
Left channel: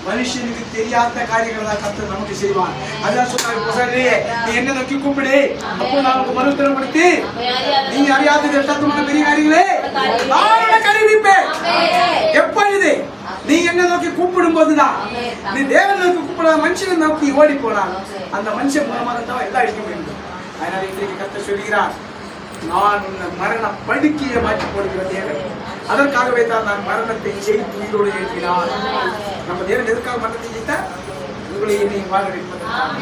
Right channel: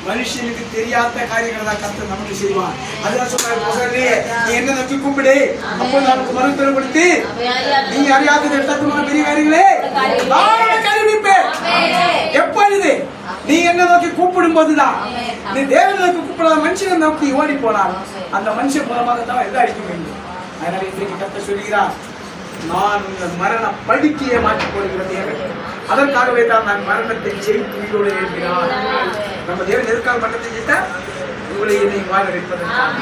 மனுஷனுக்கு தெரியாத காரியங்களை தான் கர்த்தர் நமக்கு செய்வான். அதான் சொன்னாரு, நீ என்ன நோக்கி கூப்பிடு, அப்போ நமக்கு மறுத்தரம் கொடுத்து நீ அறியாதது எட்டத்துமான பெரிய காரியங்களே நான் கருவிப்பேன். எப்பொழுது நீ என்ன நோக்கி கூப்பிடும் போதுதான், நீ தேவனை நோக்கி கூப்பிடாத மனுஷனை நோக்கி ஓடி போனான், அந்த மனுஷன் மூலமாகத்தான் எல்லாம் அடிக்க வேண்டும். அதனால இன்றைக்கு கர்த்தர் சொல்கிறார், நான் உங்கள் மரண படுக்கையை மாற்றி போடுகிற தேவன். அதற்காகவே தான் நான் மரணத்தை ஜெயித்து உயிரோடு இருக்கிறான். நம்ம தேவன் எதற்காக மரணத்தை ஜெயித்தார்? உங்களை என்னை வாழ வைப்பதற்காக.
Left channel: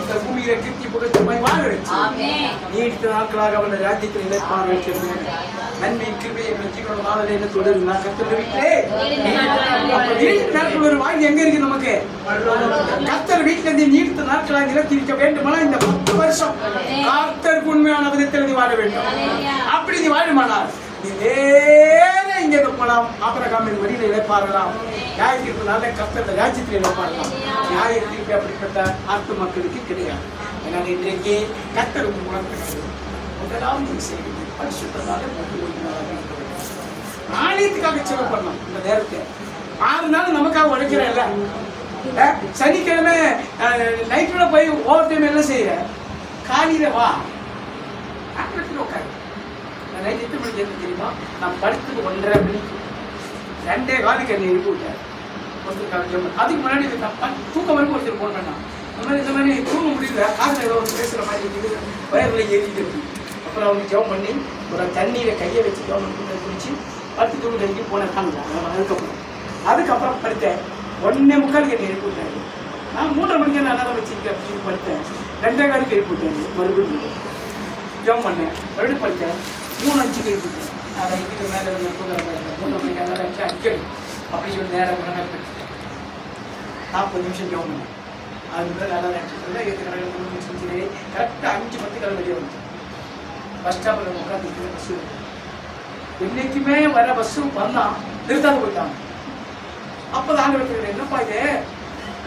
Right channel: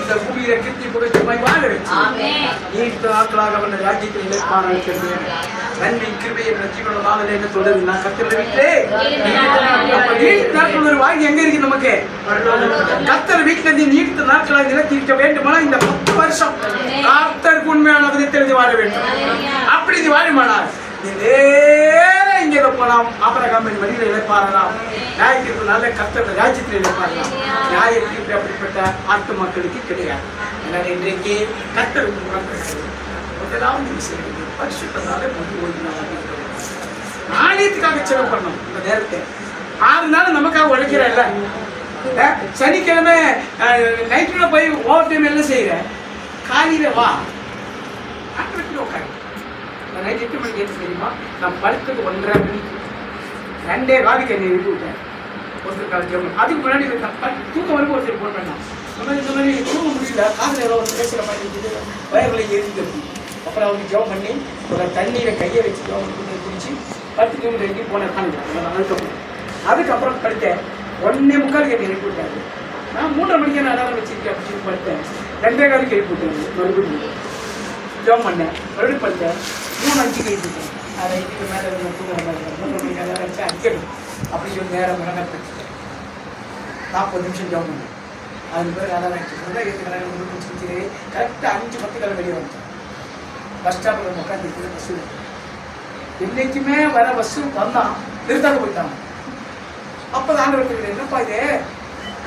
இந்த பூமியில கீர்த்தி புகழ்ச்சியுமாய் வாழ வைத்தார். நீண்ட நாட்களாக அவன் ராஜ்யத்தில் நிலைப்பான வைக்கிறேன். நன்மை கிருபை என்ற ஜீவன நாளில் என்ன தொடருது? நான் கர்த்தரை வீட்டிலே நீண்ட நாட்கள் ஒரு வாழ்க்கை எங்க இருக்கு நமக்கு? கர்த்தர் வீட்டில் நீண்ட நாட்களாக நிலைத்திருக்க வேண்டுமானால் இந்த 10 வருஷம் கர்த்தருக்கு உண்மையான விதத்தில் வாழ வேண்டும். அப்படி நீ வாழுமானால் நீ நேர இங்கே போலாம். ஆபரகாமின் வழியில இழைப்பாரலாம். நியாயத்திற்கு நல்ல கர்த்தர் ராஜ்யத்தில் இழைப்பாரலாம். நியாயத்திற்கு அப்படிப்பட்ட ஆட்டு மக்களுக்கு கிடையாது. அதனால இன்றைக்கு கர்த்தர் முதலாவது பரிசுத்தத்தாலே ஆலயத்துக்காக செலவு பண்ணணும். இந்த நேரத்தை 6 நாள் நமக்காக உழைக்கிறல்ல. சனிக்கிழமை நைட்ல போய் ஓவர் டைம் எல்லாம் செய்யற, காலையில வா ஆட்டோமேட்டிக்கா உட்காரு. நைட் 8 மணிக்கு ஏற்று தெரியுமா? நான் படுத்துக்கு 1:30 மணிக்கு 2 காலுக்கு என்னை எழுப்பி விட்டேன். ஒருத்தர் காலத்தில் அதுக்கு முன்னாடி தூக்கம் வரைக்கும் ஒருத்தர் போன் பண்ணான். இந்த மாதிரி தூங்க முடியல, காதில் எவ்வளோ பேசுகிற மாதிரி இருக்குது, வயர்களை ஏறிக்கிறது. அப்புறம் அவங்க ஜெபம் பண்ணி ஒரு தண்ணியில் கையை வச்சு ஜெபம் குடிச்சு 10 தூங்குறதுக்கு போன அதுக்கப்புறம் அதுக்கப்புறம் படுத்தேன். 1:45 என்னை எழுப்பி விட்டாரு. நான் 3:30 மணிக்கு நான் அலாரம் வச்சிருக்கேன் அப்படின்னு படுத்தேன். 2 காலுக்கு எழுப்பி விட்டேன். மறுபடியும் ஜெபம் பண்ணேன், மறுபடியும் படுத்தேன். 3:05 எழுப்பிட்டேன். அதை இதுக்கு மேலே தூங்குற மாதிரி எல்லாம் வச்சு அடிக்கணும் அப்படி சொல்லி நேரம் மனப்பட்டேன். 40 நிமிஷம் ஜெபம் பண்ணேன். அது பேர் அலாரம் வச்சுருந்தேன். கரெக்டாக 5:10 வெளியே வந்துட்டேன். பஸ் ஸ்டாப்பில் உட்காந்துருக்குது. பஸ்ஸு என்னைக்குமே வர பஸ்ஸு வந்தான், நிறுத்தாத போயிட்டான். அப்போ தான் ஆண்டவர் என்னப்பா இது,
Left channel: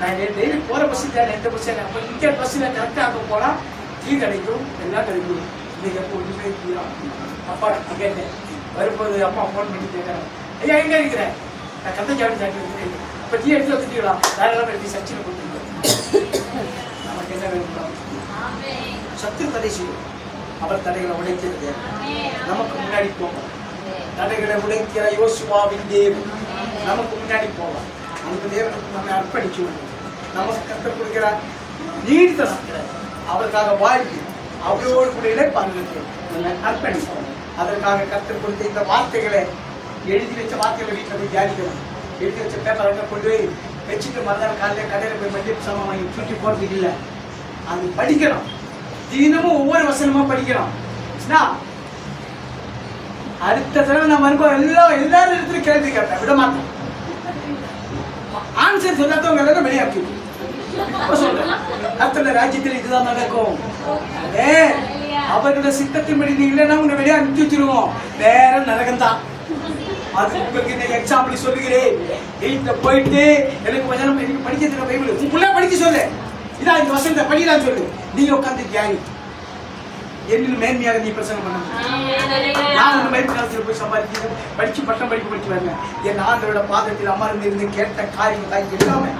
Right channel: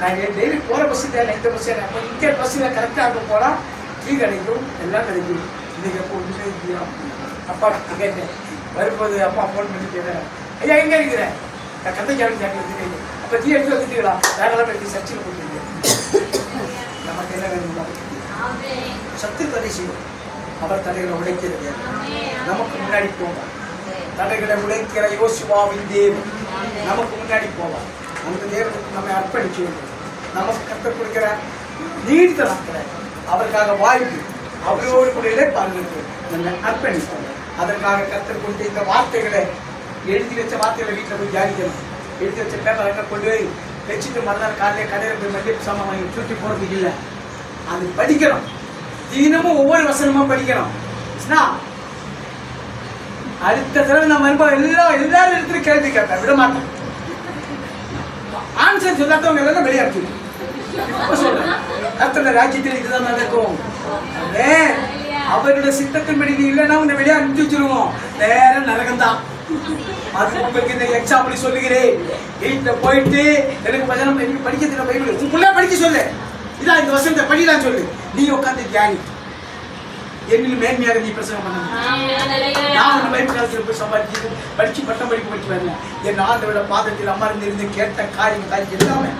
நான் டெய்லி போகிற பஸ்ஸு தேவை, எந்த பஸ்ஸு அப்போ இங்கே பஸ்ஸில் கரெக்டாக அங்கே போனால் டீ கிடைக்கும், எல்லாம் கிடைக்கும். இன்னைக்கு அப்போ ஒன்றுமே இல்லையா? அப்பா கேட்டேன் வரும்போது அப்பா ஃபோன் பண்ணி கேட்டேன், ஐயா எங்கே இருக்கிறேன்? நான் கந்தை கிளம்பி கேட்டு அப்போ டீ எடுத்து வந்துட்டீங்களா? வேற டீ சர்ச்சில் போட்டுருக்கேன். நமக்கு என்ன வேணும்? சத்து தடை செய்வோம். அவர் தடைகளை உடைக்கிறது. நமக்கு முன்னாடி போவார். தடைகளை உடைக்கிற யோசுவாவின் தேவன் நமக்கு முன்னாடி போவார். அந்த தேவனுக்கு நம்மை அர்ப்பணிக்க வேண்டும். நமக்கு கற்றுக் கொடுக்கிற நீடித்த நாட்களை அவருக்காக வாழ்க்கை அவரோடு கூட இழைப்பார்கள் நம்ம அர்ப்பணிப்போம். அதற்காக கற்றுக் கொடுத்த இந்த வார்த்தைகளை எழுதி வச்ச வார்த்தைகளை வீட்டில் போய் தியானிக்கணும். எழுதி வச்ச பேப்பரை கொண்டு போய் வச்சுட்டு மறுநாள் காலையில் கடையில் போய் மல்லிகை சாமான் வாங்கி சுற்றி போகிறதுக்கு இல்லை, அது படிக்கணும். தினமும் ஒவ்வொரு வசனமா படிக்கணும். அடுத்த தடவை நான் வரும்போது எல்லாரும் இடத்துல கேள்வி கேட்பேன், விட மாட்டேன். ஆன்சர் சொல்லாதவங்க எல்லாம் வெளியாக்கி சொல்றேன். அடுத்த ராஜ்யத்தில் இதுதான் நடக்கும். அவரோட சித்தத்தின்படி நீ இல்லைன்னா உன்னை வெளியே அனுப்பிச்சு வச்சிருவோம். நேரம் நரகம்தான். அது உங்களுக்கு இந்த எக்ஸாம்பிள் சொல்லுகிறேன். வீட்டுல போயிட்டு எனக்கு வசனம் படிக்க பைபிள் உன் பிள்ளை படிக்க சொல்லு, இதான் இந்த வசனத்தை படிதான் சொல்லு, நீ உட்காந்து தியானி. என்னில் மேன்மையாக நீ பிரசங்கம் பண்ண. நான் ஒன்று பைபிள் காலத்தில் போய் சம்பாதிச்சு படிச்சு பட்டம் படிக்க வரல. என் ஆண்டோட பாதத்தில் அமர்ந்திருந்து கேட்ட காரியம் தான் எல்லாமே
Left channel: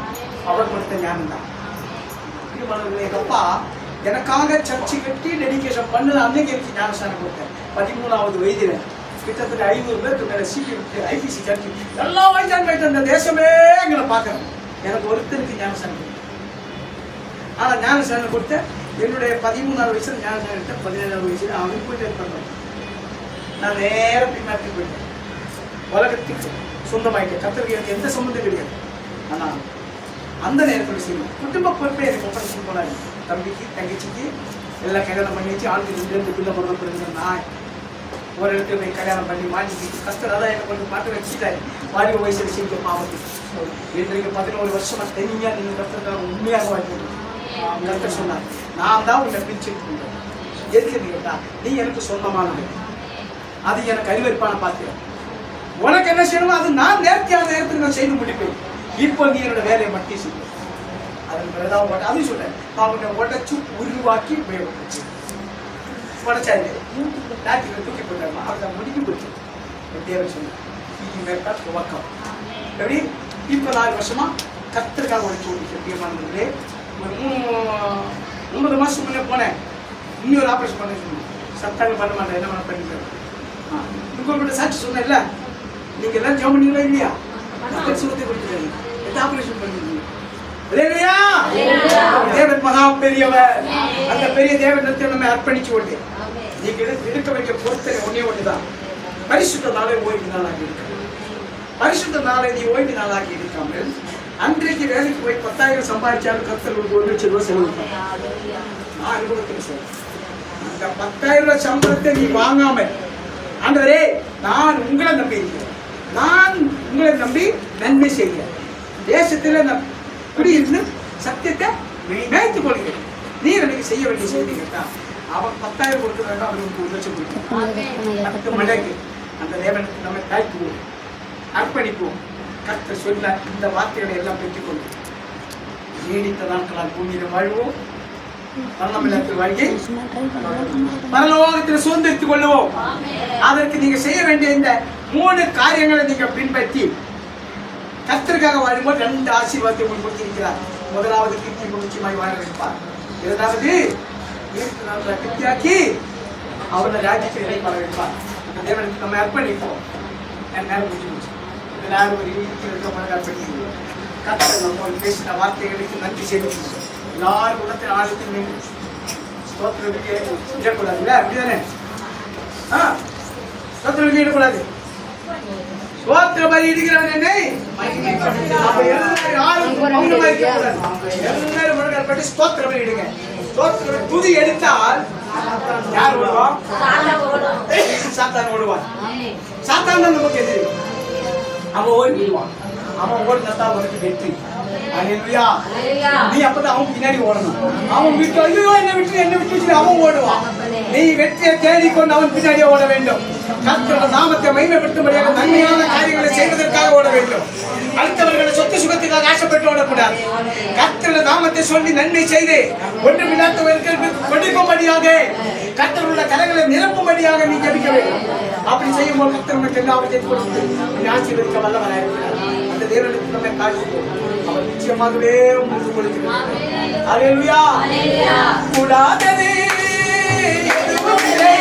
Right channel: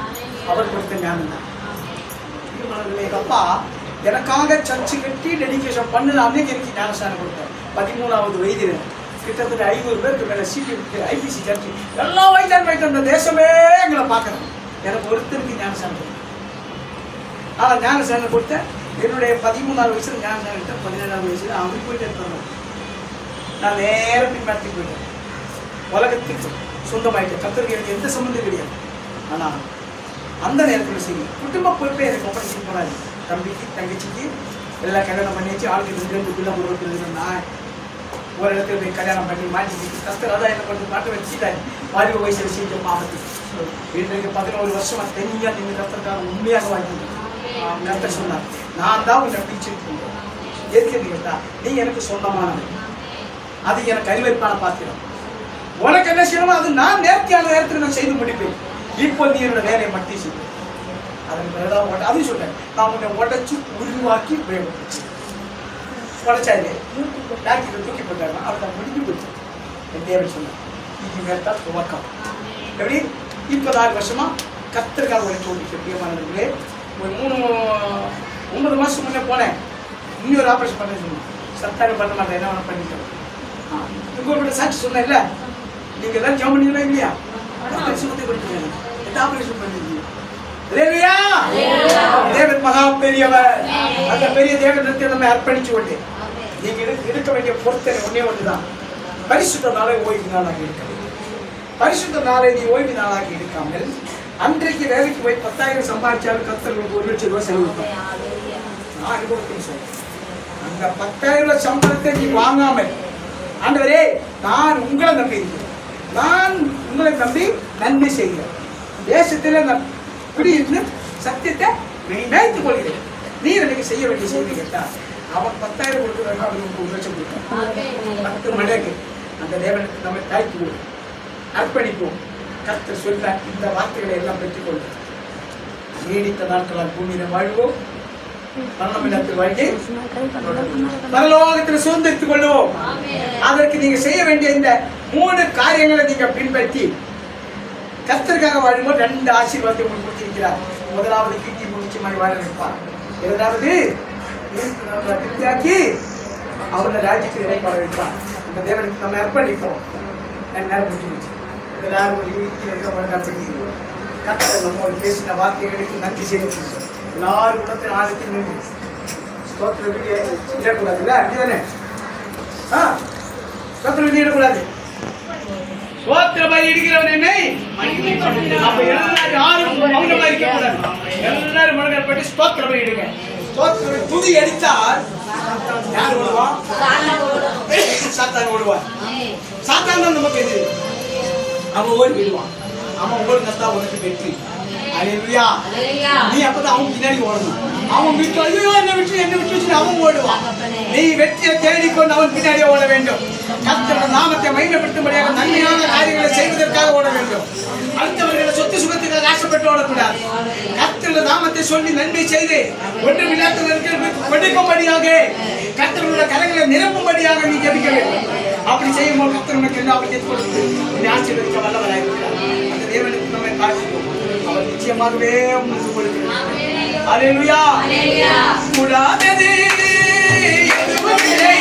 அவர் கொடுத்த ஞானம் தான். எங்க அப்பா எனக்காக சர்ச்சை கட்டி டெடிகேஷன் பண்ணது அன்னைக்கு எனக்கு ஞானஸ்தானம் கொடுத்தேன். 13வது வயதில் கிட்டத்தட்ட 500 பேருக்கு மேலே ஐபிசி சர்ச்சை எல்லா வயசான அந்த தேசமே எங்களை பார்க்கணும். எனக்கு ஒருத்தருக்கு ஞானஸ்தானம் கொடுத்தேன். ஆனா ஞானஸ்நானம் கொடுத்த என்னுடைய 13ஆவது வயசுல ஞானஸ்நானம் எடுத்தேன். 17ஆவது வயசுல அவனுக்கு போயிட்டு இருப்பாங்க. நான் நேர பின்மாற்றி போயிட்டேன். உலகத்துக்கு சொந்தமாயிட்டேன். கர்த்தருக்கு எனக்கு எந்த சம்பந்தம் கிடையாது. ஆனா அந்த நேரத்தில் செய்யும் குடும்ப பொறுப்பை எனக்கு ஒப்படைச்சு போனாரு. தம்பிக்கு தங்கச்சிக்கு எல்லாம் கல்யாணம் பண்ணி வச்சு ஆளுக்கு 2 பிள்ளை கொடுக்குறது. நான் ஒரு இடத்துல போய் கல்யாணம் பண்ணி மாட்டி கர்த்தர் அதான் எனக்கு வந்து மாட்ட வச்சுட்டாரு. வாலிப வயசுல செஞ்ச பாவத்து வீட்டுக்கு 11 வருஷமா தனியா நின்று கர்த்தருக்காக உண்மையாக வாங்கிட்டு கர்த்தர் சொன்னார், நான் தான் உன்னை பிரிச்சுட்டு எதுக்கு கேட்டா நீ எனக்கு சொந்தமானவன், அது எனக்கு அறிவிப்பான பாத்திரம், உனக்கு என்ன செய்யணுமோ அது நான் நேர்த்தியான நேரத்தில் நான் செய்து முடிப்பேன். இப்போ நீ என்னோட வேலையை மட்டும் செய்ய. அதன் பிறகுதான் அதையும் சொல்றேன், நான் உன்னை உடைச்சு உருவாக்கி உபயோகப்படுச்சு. உடைச்சாரு டாக்டர் தூக்கி போட்டாருன்னா அவள் முடிஞ்சு போச்சு. என் தேவன் சொன்னேன், இது மேல்தான் துவக்கம். எப்படி இப்போ 4 வருஷமா கர்த்தருக்காக உழைச்சு முக்கியமானவர்களே. ஒரு 3 மாசம் முன்னே போனேன். இன்னொரு ஆபரேஷன் பண்ண சொன்னேன். சத்தாங்க பண்ண மாட்டேன், என்ன வேணா பண்ணிக்கிறேன். உங்கள்கிட்ட சாட்சி சொன்னேன்ல, நீங்க எல்லாம் ஜெபம் பண்ணீங்களா இல்லையா? சுகத்தை கொடுத்துருக்காங்க. எந்த ஆபரேஷன் பண்ணிருக்கீங்க? தேவன் மகா பெரியவர். அந்த பெரிய தேவனத்தை நம்ம அர்ப்பணிச்சு கொண்டு நீங்க எடுக்க வேண்டிய பொறுத்தனை ஒன்னே ஒன்றுதான், பரிசுத்த நாளை ஓய்வு நாளாகி இருக்க. பரிசுத்த நாளை நீ ஓய்வு நாளாகி இருக்காமல் அன்றைக்கு வேலைக்கு போய் 10,000 சம்பாதிச்சாலும் கர்த்தர் 1,00,000 ரூபாய் செலவு. நான் அனுபவத்தில் சார் அந்த 10,000 ரூபாய் சம்பளத்தை நீ வாங்காமல், ஆண்டவரே நான் உங்களை நம்பி இருக்கிறேன், நான் உங்களை நம்பி நன்மை செய்கிறேன், தேசத்தில் நான் குடியிருந்து சத்தியத்தை மேய்த்துக் கொள்கிறேன், நீ எனக்கு செய்ய வேண்டிய செய்தி கேட்டா அவன் 10,000 கொடுக்குறாங்க, அவனுக்கு 1,00,000 கொடுக்குறான். 10 மடங்கு அந்த தேவனுக்கு நம்ம தாய்த்துவோம், அர்ப்பணிப்போம். கர்த்தர் சொல்ல இந்த வார்த்தைகளை எல்லாம் பெற்றுக்கொள்வோம். நீடித்த நாட்களால் பூமியில் வாழ்வோம், மரணமில்லாத வாழ்க்கை பரலோகத்தில் சுதந்திரித்துக் கொள்வோம். அதற்கு நீங்க செய்ய வேண்டிய இந்த 3 காரியங்களை நீங்க பின்பற்றி கர்த்தருக்காக வாழும்போது 2 ஆசீர்வாதத்தை உங்களுக்கு கொடுத்திருக்கிறார். முதலாவது கீர்த்தி முக்கியமாய் வாழ வைப்பார். இரண்டாவது அவருடைய ராஜ்யத்தில் இடைப்பட வைப்பார். இந்த தேவனுக்கு நம்ம அர்ப்பணிப்போம். நேரம் முடிஞ்சு எல்லாரும் ஒரு அர்ப்பணிக்கிறோம். கர்த்தர் நம்ம பேசின வார்த்தைகளுக்கு நன்றி செய்யணும். எல்லாரும் இடத்தில் ஆழத்தில் நன்றி ஸ்தோத்திரம் இடக்கூடாதுல்ல, அப்படிதானே? ஸ்தோத்திரம் வெளியிடக்கூடாது. சோத்திரமாய் இடுகிறவன் என்னை அப்ப எல்லாரும் யாரும் மௌனமா இருக்க கூடாது. எல்லாரும் முழங்கால் போட்டு ஸ்தோத்திரம் இடுங்க. ஸ்தோத்திரம் துதி எடுத்தால் யார் ஓடுவான்? சாத்தான் ஓடுவான். சாத்தான் தான் நமக்கு எதிரி. அவன் ஓடிடுவான். அவன் ஓடினா உனக்கு வெற்றி. அல்லேலூயா. நீ அப்பதான் அவன் பின்னாடி ஓடணும். அவன் விட்டு ஐயோ என்ன விட்டு அவன் ஓடுவான். நீ வெற்றியை தேடிக்கொண்டு அவன் பின்னாடியே ஓட வேண்டும். கர்த்தருடைய நாமத்தை மகிமைப்படுத்தும்படியாக நன்மையான காரியங்களை செய்வதற்காக ஓட வேண்டும். அடுத்தவர்களை சொத்து சுகத்துக்காக ஆசைப்பட்டு ஓடக்கூடாது. கர்த்தருடைய நாமத்தை சொல்லி நன்மை செய்து ஒன்றுமில்லாதவர்களுக்கு கொடுக்கும்படியாக கர்த்தருடைய கரங்களை நிரப்பும்படியாக நீ ஜெபிக்க வேண்டும். அப்படி செய்யும்போது கர்த்தர் உனக்கு எல்லாவற்றையும் கொடுத்து நீ ஆசீர்வதிக்க வல்லவராய் இருக்கிறார். அந்த தேவனுக்கு நம்மை காண்பிப்போம். அவர் நிச்சயமாகவே உங்களுக்கு கொடுக்கிறார். அல்லேலூயா. கூடாதது எதுவும் இல்லை.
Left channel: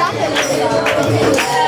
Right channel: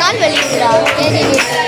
கால் வலிக்குதா?